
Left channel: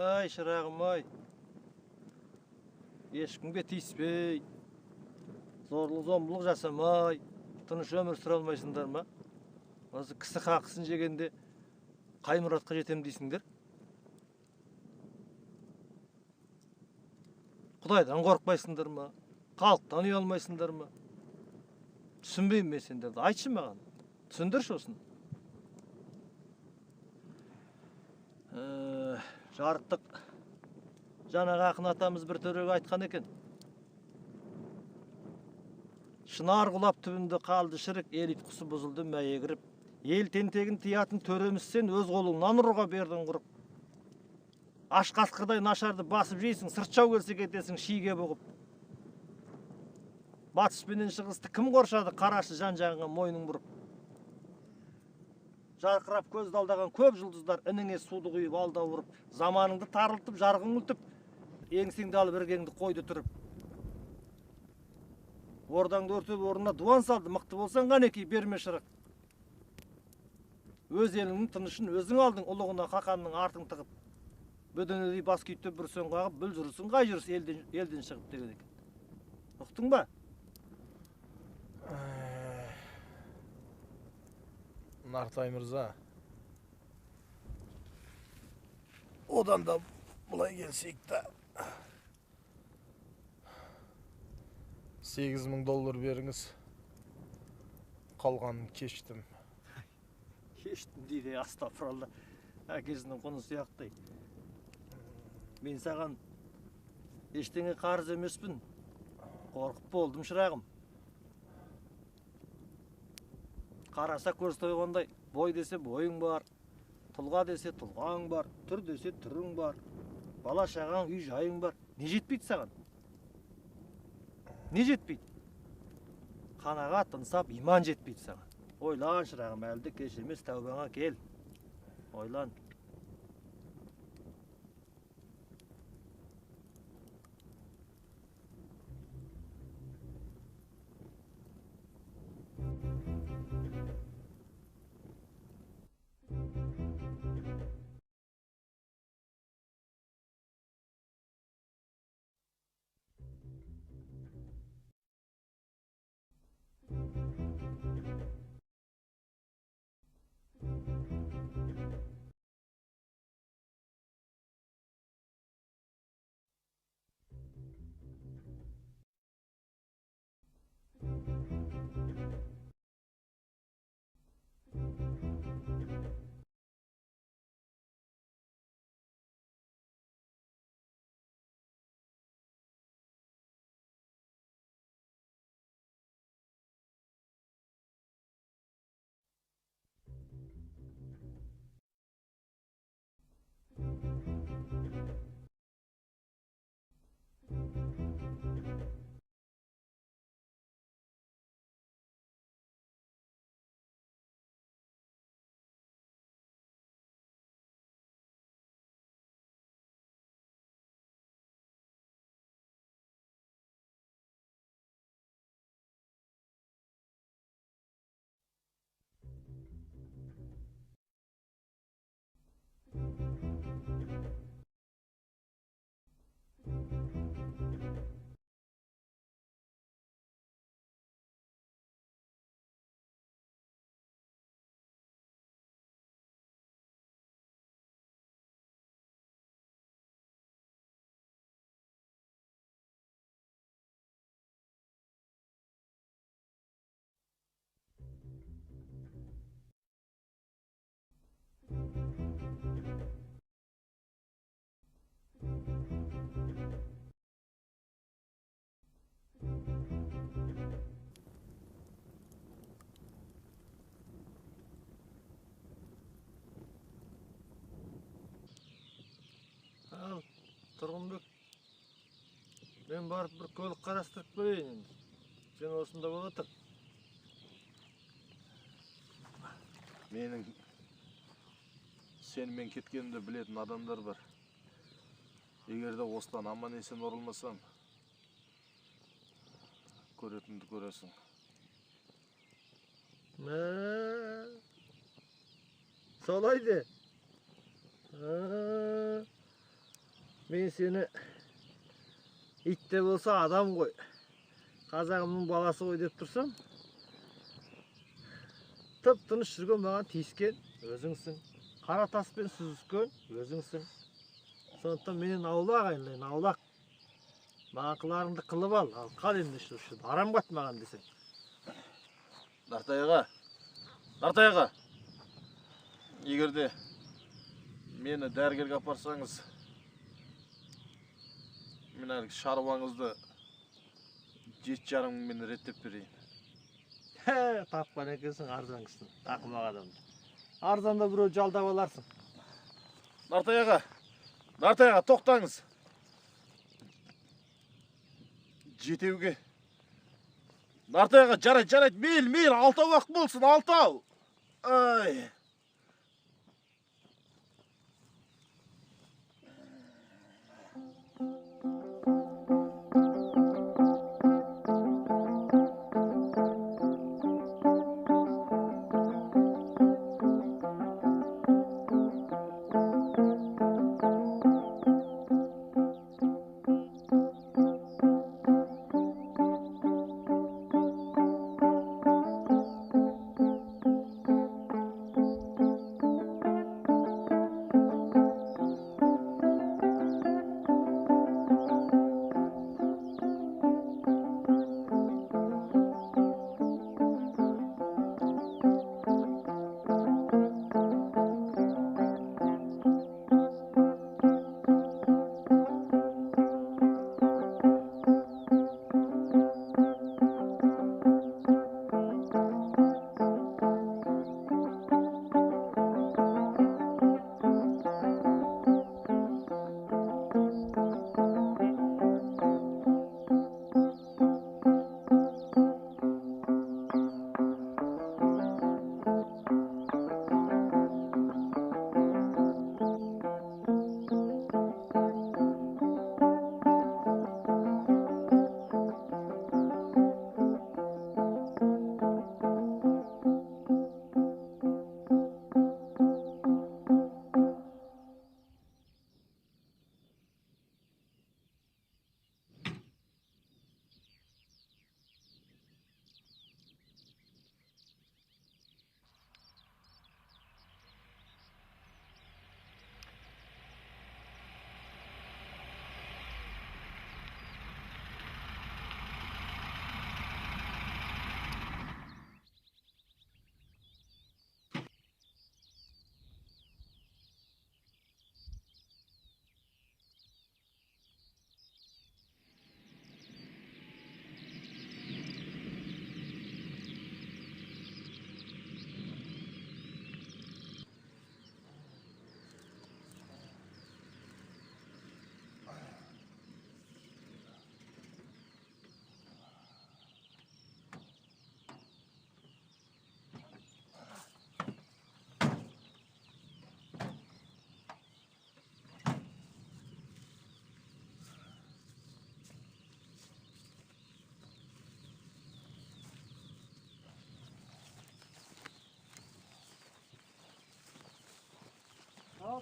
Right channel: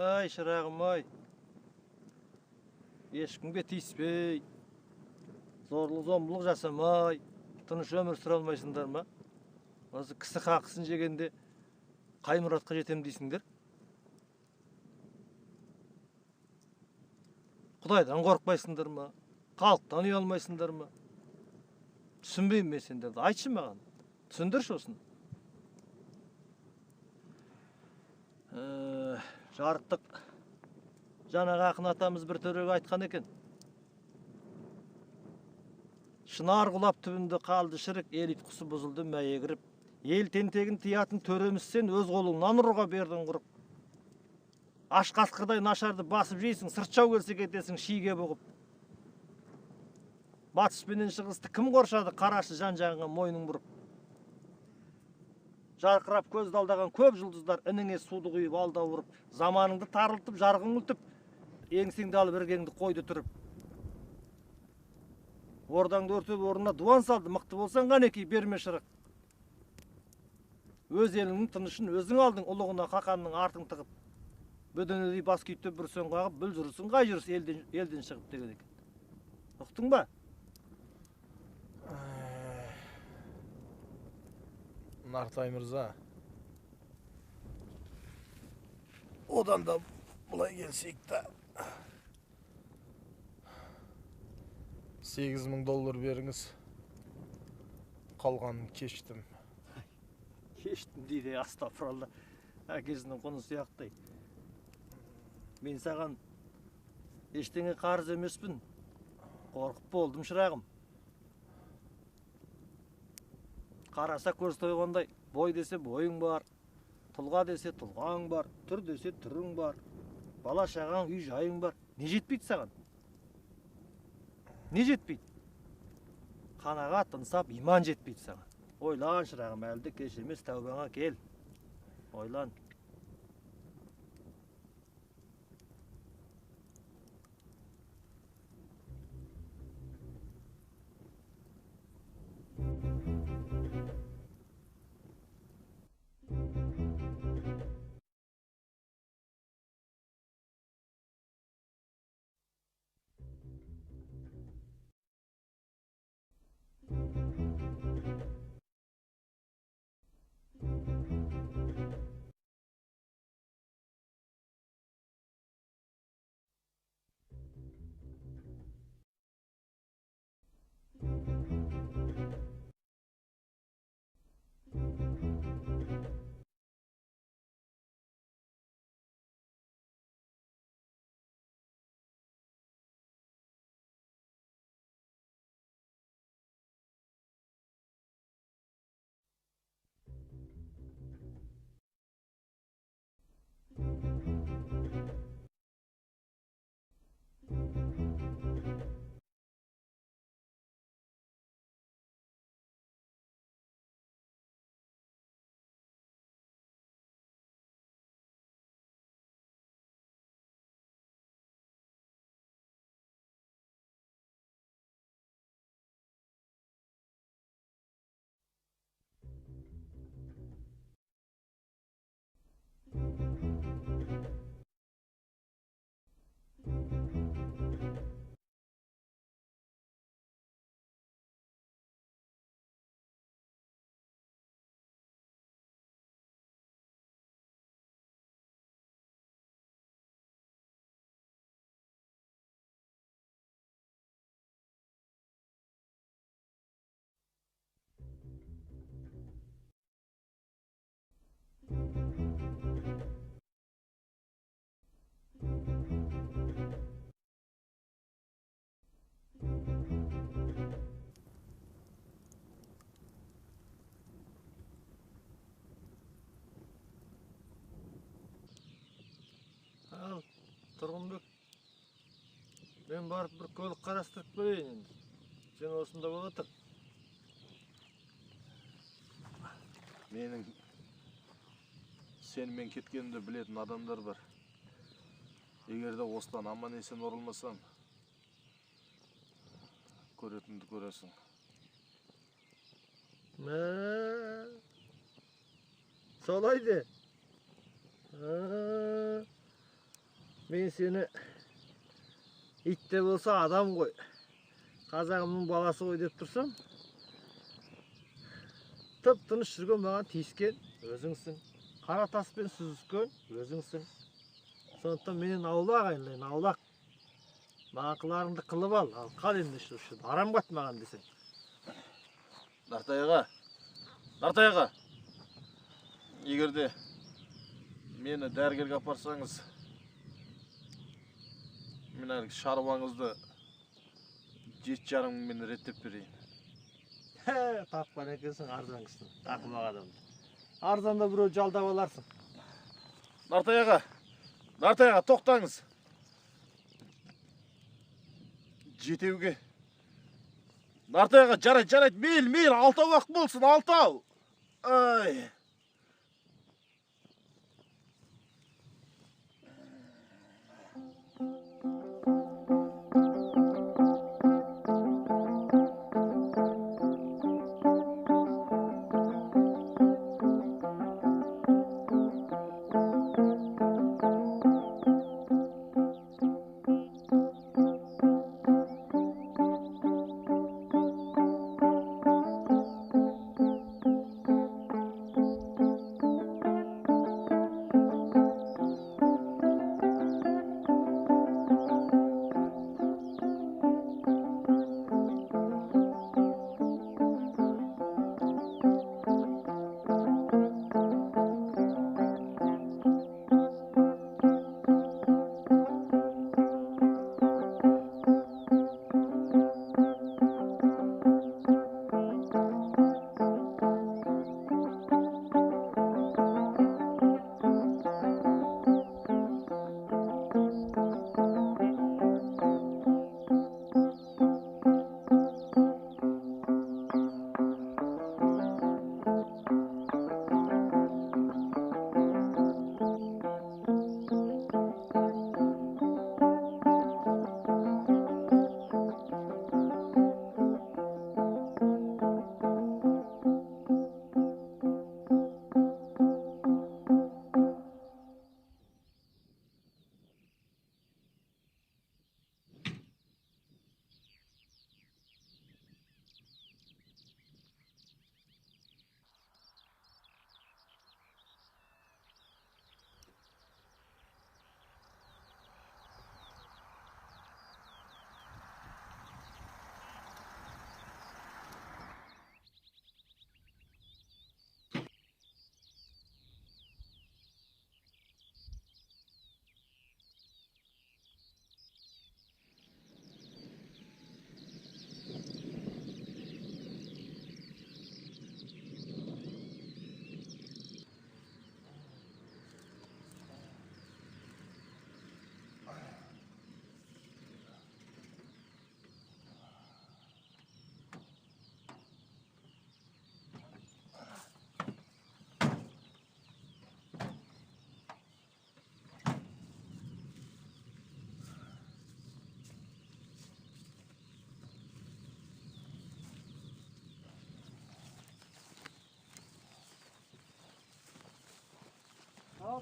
Ай, шырағым ай. ешкімге тиіспей, зорлық зомбылық жасамай, тыныш өмір сүре алмайсыңдар ма? Осы кісі хақысын жегенде қай мұратқа жетем дейсіңдер? Құдайдан қорықпайсыңдар ма? Халықтан ұялмайсыңдар ма? Түсінбеймін мен сендерді. Айтшы маған. Түсіндірші осыны. Жарықтық жаңағы ақын атамыз бір төреге айтқан екен. Шынар құлап түбінде қалды шірік, ел ұйқысы бұзылды мәйе кіріп. Ел тентегін тиятын төреміз сен, өз қолыңнан ұруға бердің құрып. Аш қасқырдай нашарды басып жейсің, сыртшау келсе кетесің шиге бұғып. Батыс пенен шығысты кім қоршады, қарашы жан-жағыңа мойның бұрып. Жарқырап көзді алдаған көп жұлдыздар ініңе суды құйып алда ұрып, заманыңды тарылтып, жарғың үлтіп, еңсеңді алып іргеңді қойды тұрып. Ордаңды өртеп орнына дуан салды, мықты болсаң қанекей берме шырық. Өз еліңнің тынышын өзің алдың, ұлығына қақанның артың тығып. Бөденедей бас күйттеп бір сөн қағып, бүл жүрісің қай жүріс елден шығып деген екен. Ұқтың ба? Нартай мырза, одан да бұлай келсек та $8,000 беріңіз, қалғанын кештім. Кештім дейді, астапыралла, әкесінің құны сияқтай. Мен саған ештеңе қарыз емеспін, қорқып болдым шырағым. Қараса көз тойғандай, бой десе бойың бар, тұлға десе тұлғаң бар, түр десе түрің бар, бала шағаң, үй жайың бар. Не жетпейді саған? Не жетпейді? Қанағат ынсап, иман жетпейді саған. Ойлан шырағым, әлді кеш емес, тәубаңа кел. Ойлан. Ал, Тұрғынбек, мен барып бір көлік қарастырып қояйын енді. Сен осында бола тұр. Менің сенімен кеткенімді білетін адамдар бар. Егер де осыдан аман есен орылмасам, көретінді көресің. Солай де. Мен сені ит те болса адам ғой. Қазағымның баласы ғой деп тұрсам, тып-тыныш жүрген маған тиіскен өзіңсің. Қара таспен сүзіскен өзіңсің. Сондықтан менен аулақ айналайын, аулақ. Маған қыларыңды қылып ал қал енді шүрші. Арам қат маған десең. Нартай аға, егерде мені дәрігерге апарсаңыз, мен әлгі шаруаңызды 7,5 мыңмен реттеп берейін. Тапқан екенсің арзан кісіні, ақымақ адамды. Арзанда біреу жалдап аларсың. Нартай аға, тоқтаңыз. Жетеуге. Нартай аға, жарайды, мейл, 6 уақыт болсын, 6. Ай.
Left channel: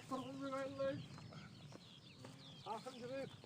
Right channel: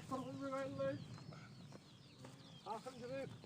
Тұрғынбек айналайын. Ақын жүрек.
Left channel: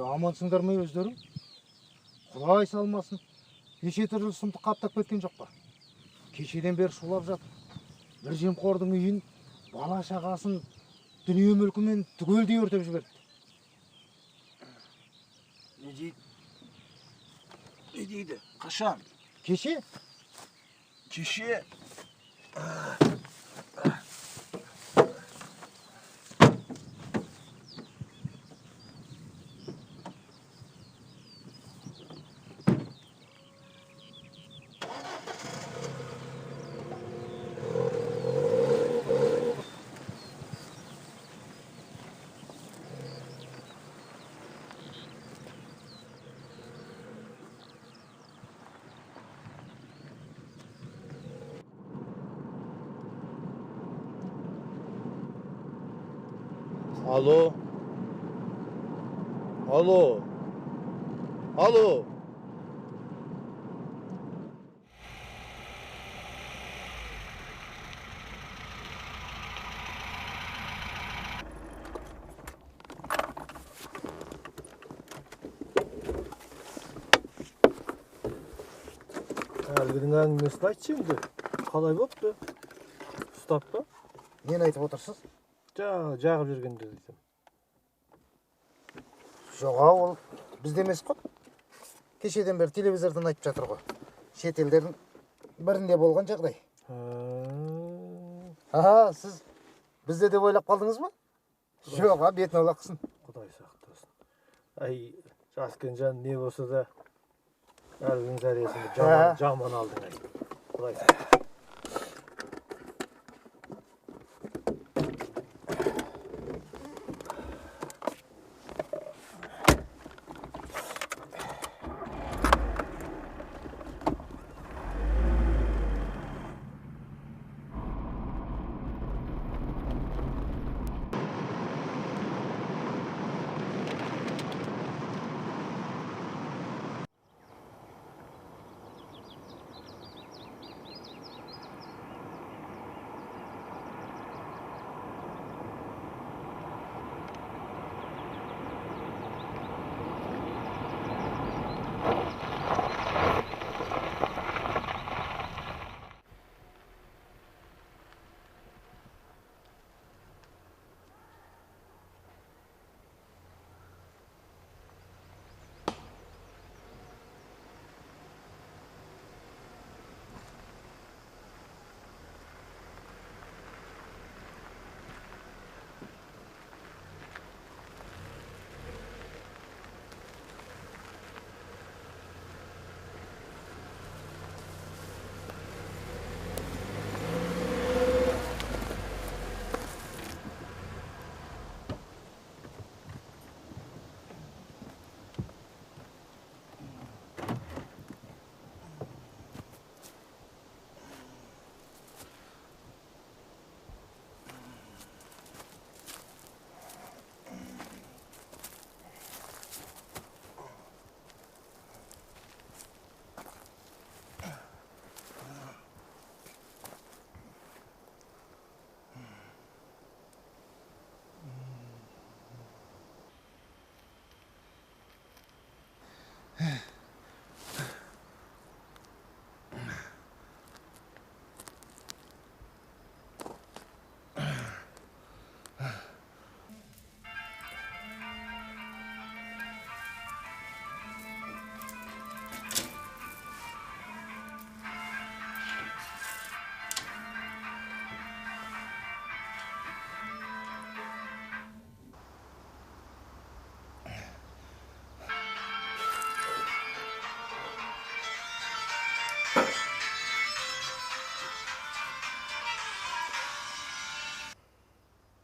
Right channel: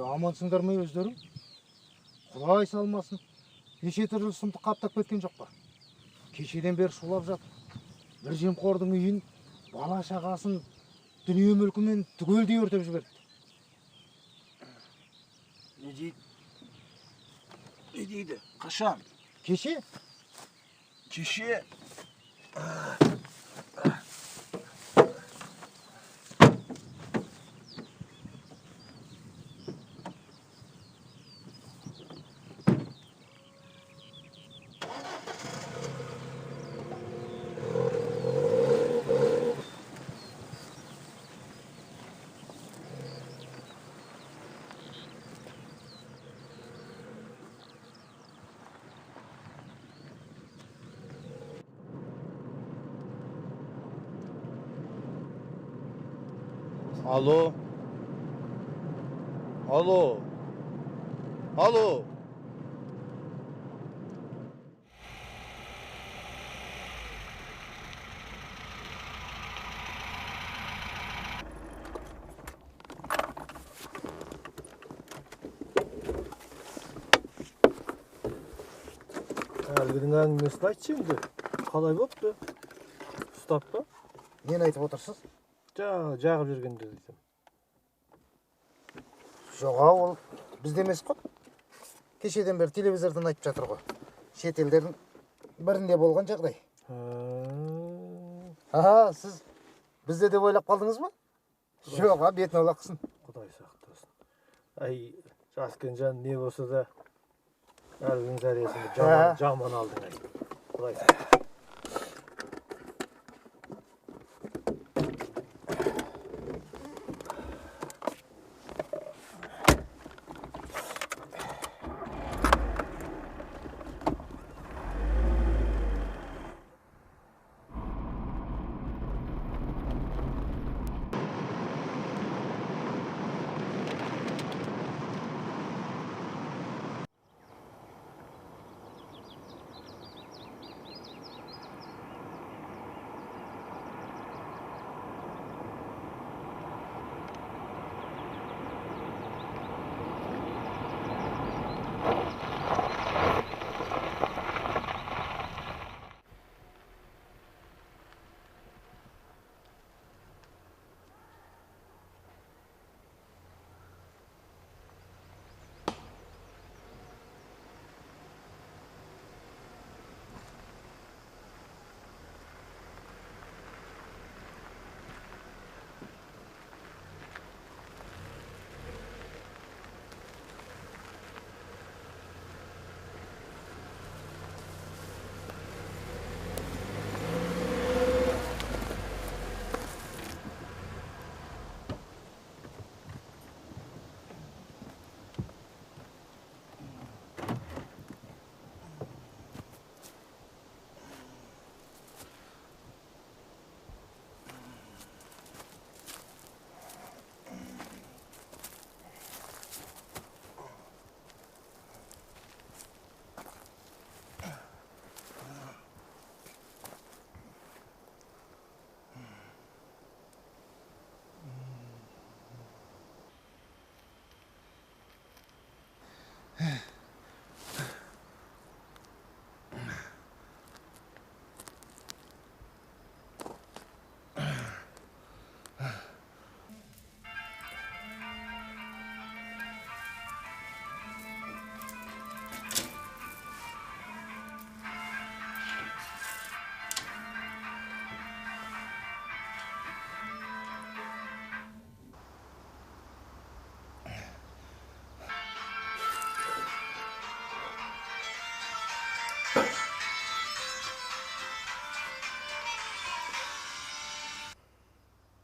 Амансыңдар ма өздерің? Құдай салмасын. Неше түрлі сұмдық қаптап кеткен жоқ па? Кешеден бері шулап жатыр. Бір жемқордың үйін, бала шағасын, дүние мүлкімен түгелдей өртеп жіберді. Не дейді? Қашан? Кеше? Кеше. Алло. Алло. Алло. Әлгінің әңгімесін айтшы енді. Қалай бопты? Ұстап па? Нені айтып отырсыз? Жағып жүргенде дейсің. Жоға, ол бізде емес қой. Кешеден бері телевизордан айтып жатыр ғой. Шет елдердің бірінде болған жағдай. Сіз бізде деп ойлап қалдыңыз ба? Жоға, бетін аулақ қылсын. Құдай сақтасын. Ай, жас Кенжан не болса да әлгінің зәресінде жаман алдың ай. Құдай сақтасын.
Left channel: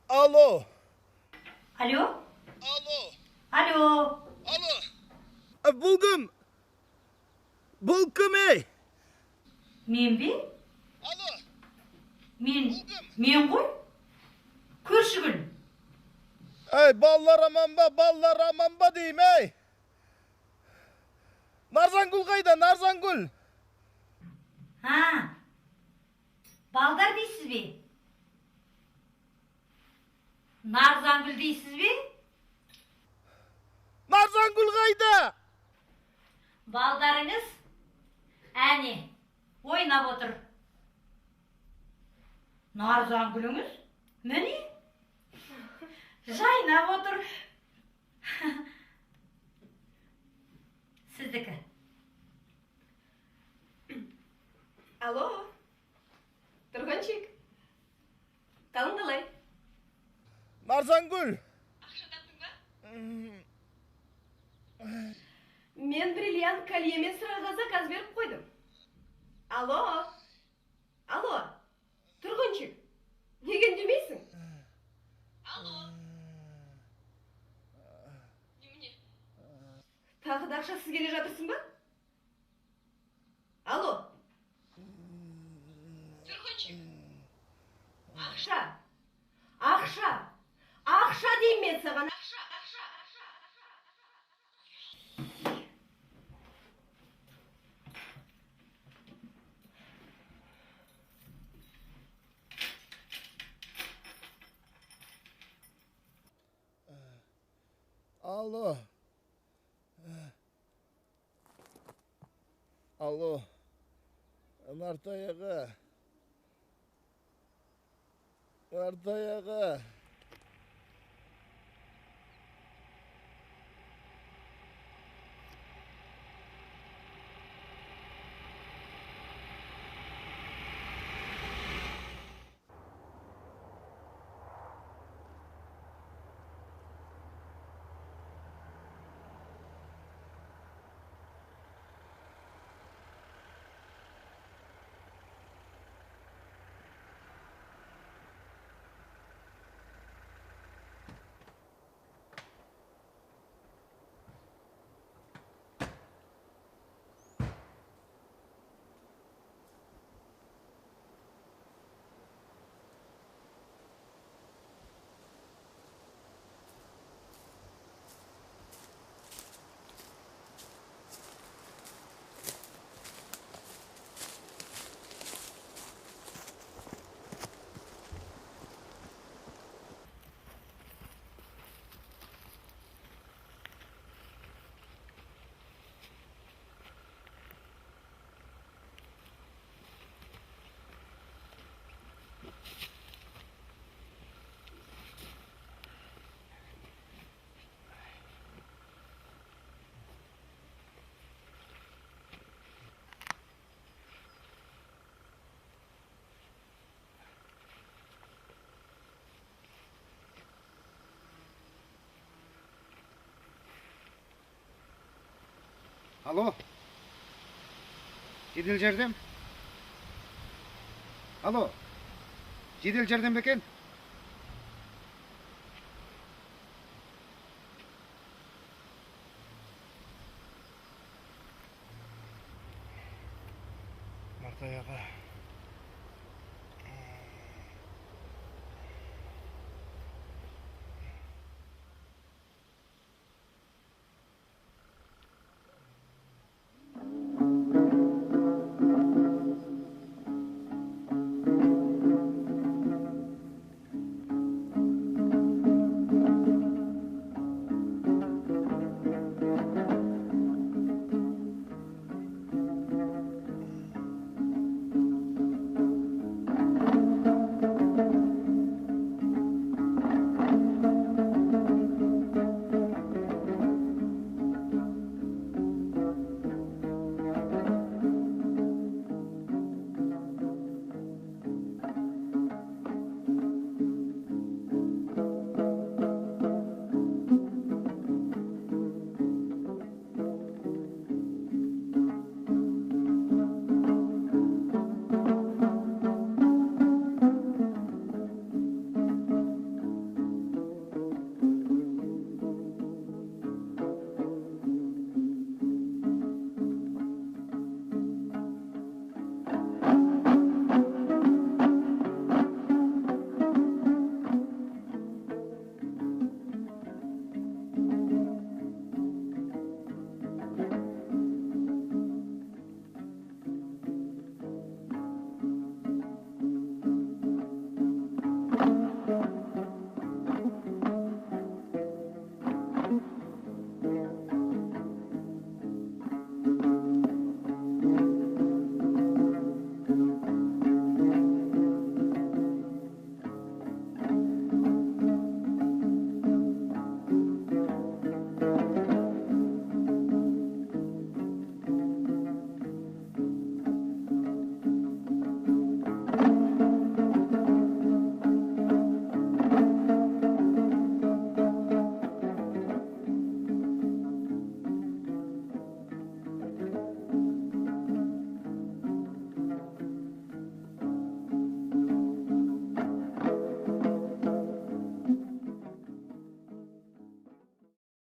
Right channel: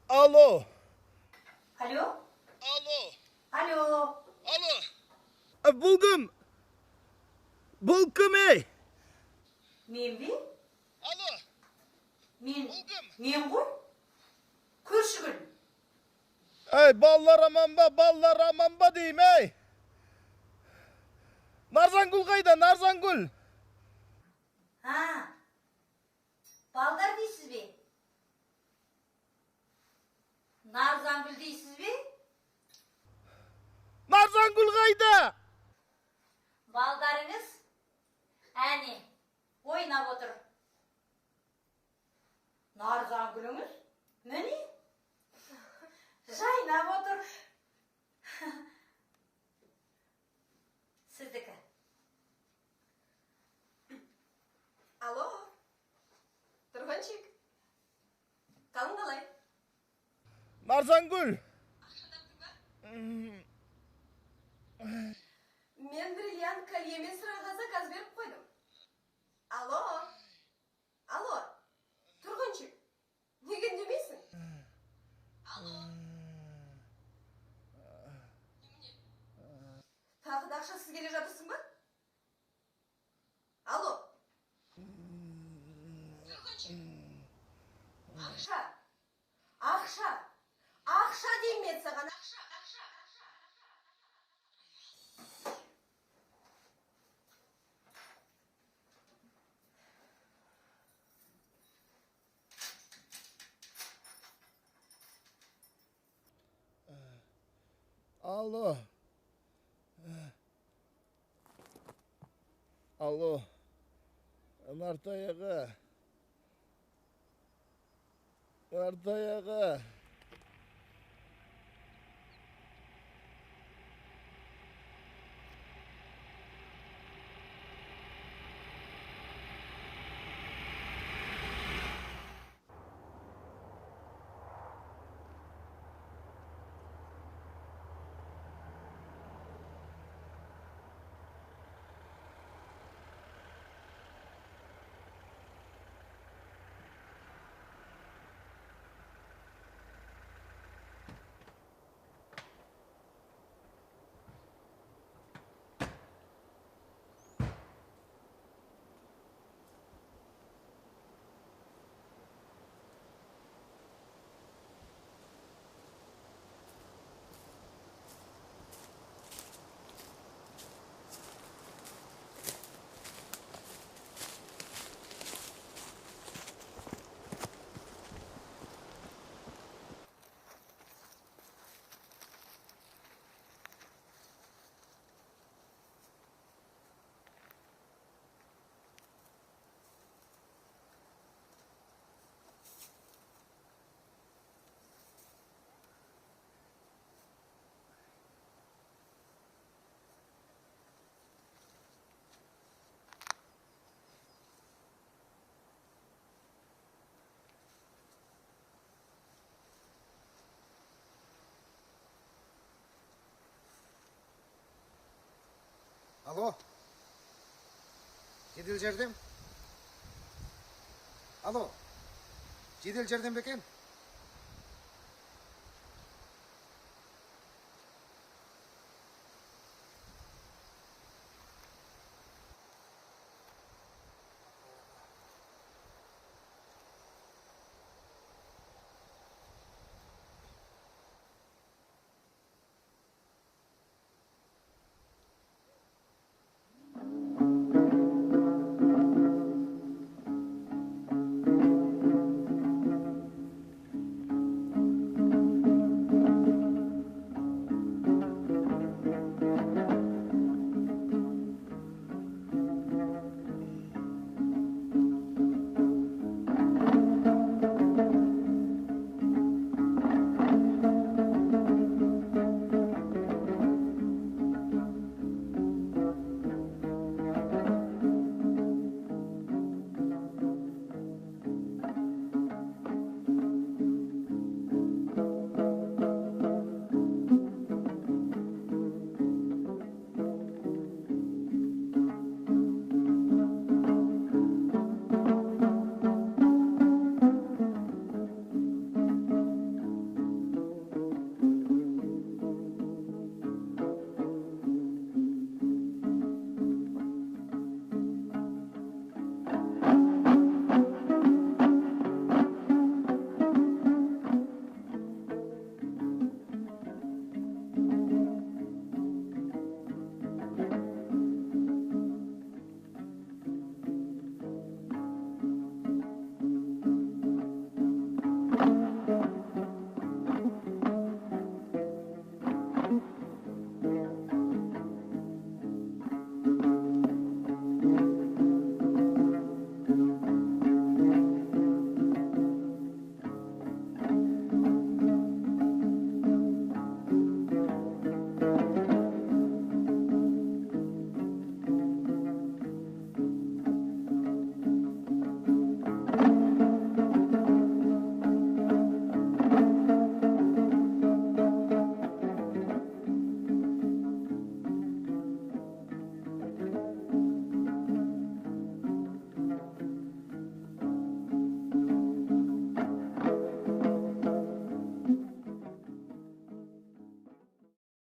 Алло. Алло? Алло. Алло? Алло. Бұл кім? Бұл кім, ей? Мен бе? Алло. Мен ғой? Көршігіл. Ей, балалар аман ба дейім, ей? Нарзангүл қайда, Нарзангүл? Балдар дейсіз бе? Нарзангүл дейсіз бе? Нарзангүл қайда? Балдарыңыз Әне, ойнап отыр. Нарзан гүліңіз? Міне? Жайнап отыр. Сіздікі. Алло, Тұрғанчик, қалың қалай? Нарзангүл! Мен бриллиант кольемен сыраға заказ беріп қойдым. Алло, Тұрғанчик, неге үндемейсің? Алло. Немене? Тағы да ақшасыз келе жатырсың ба? Алло. Тұрғанчик. Ақша деймін мен саған, ақша. Алло, Нартаяға. Алло, жедел жәрдем? Алло, жедел жәрдем бе екен?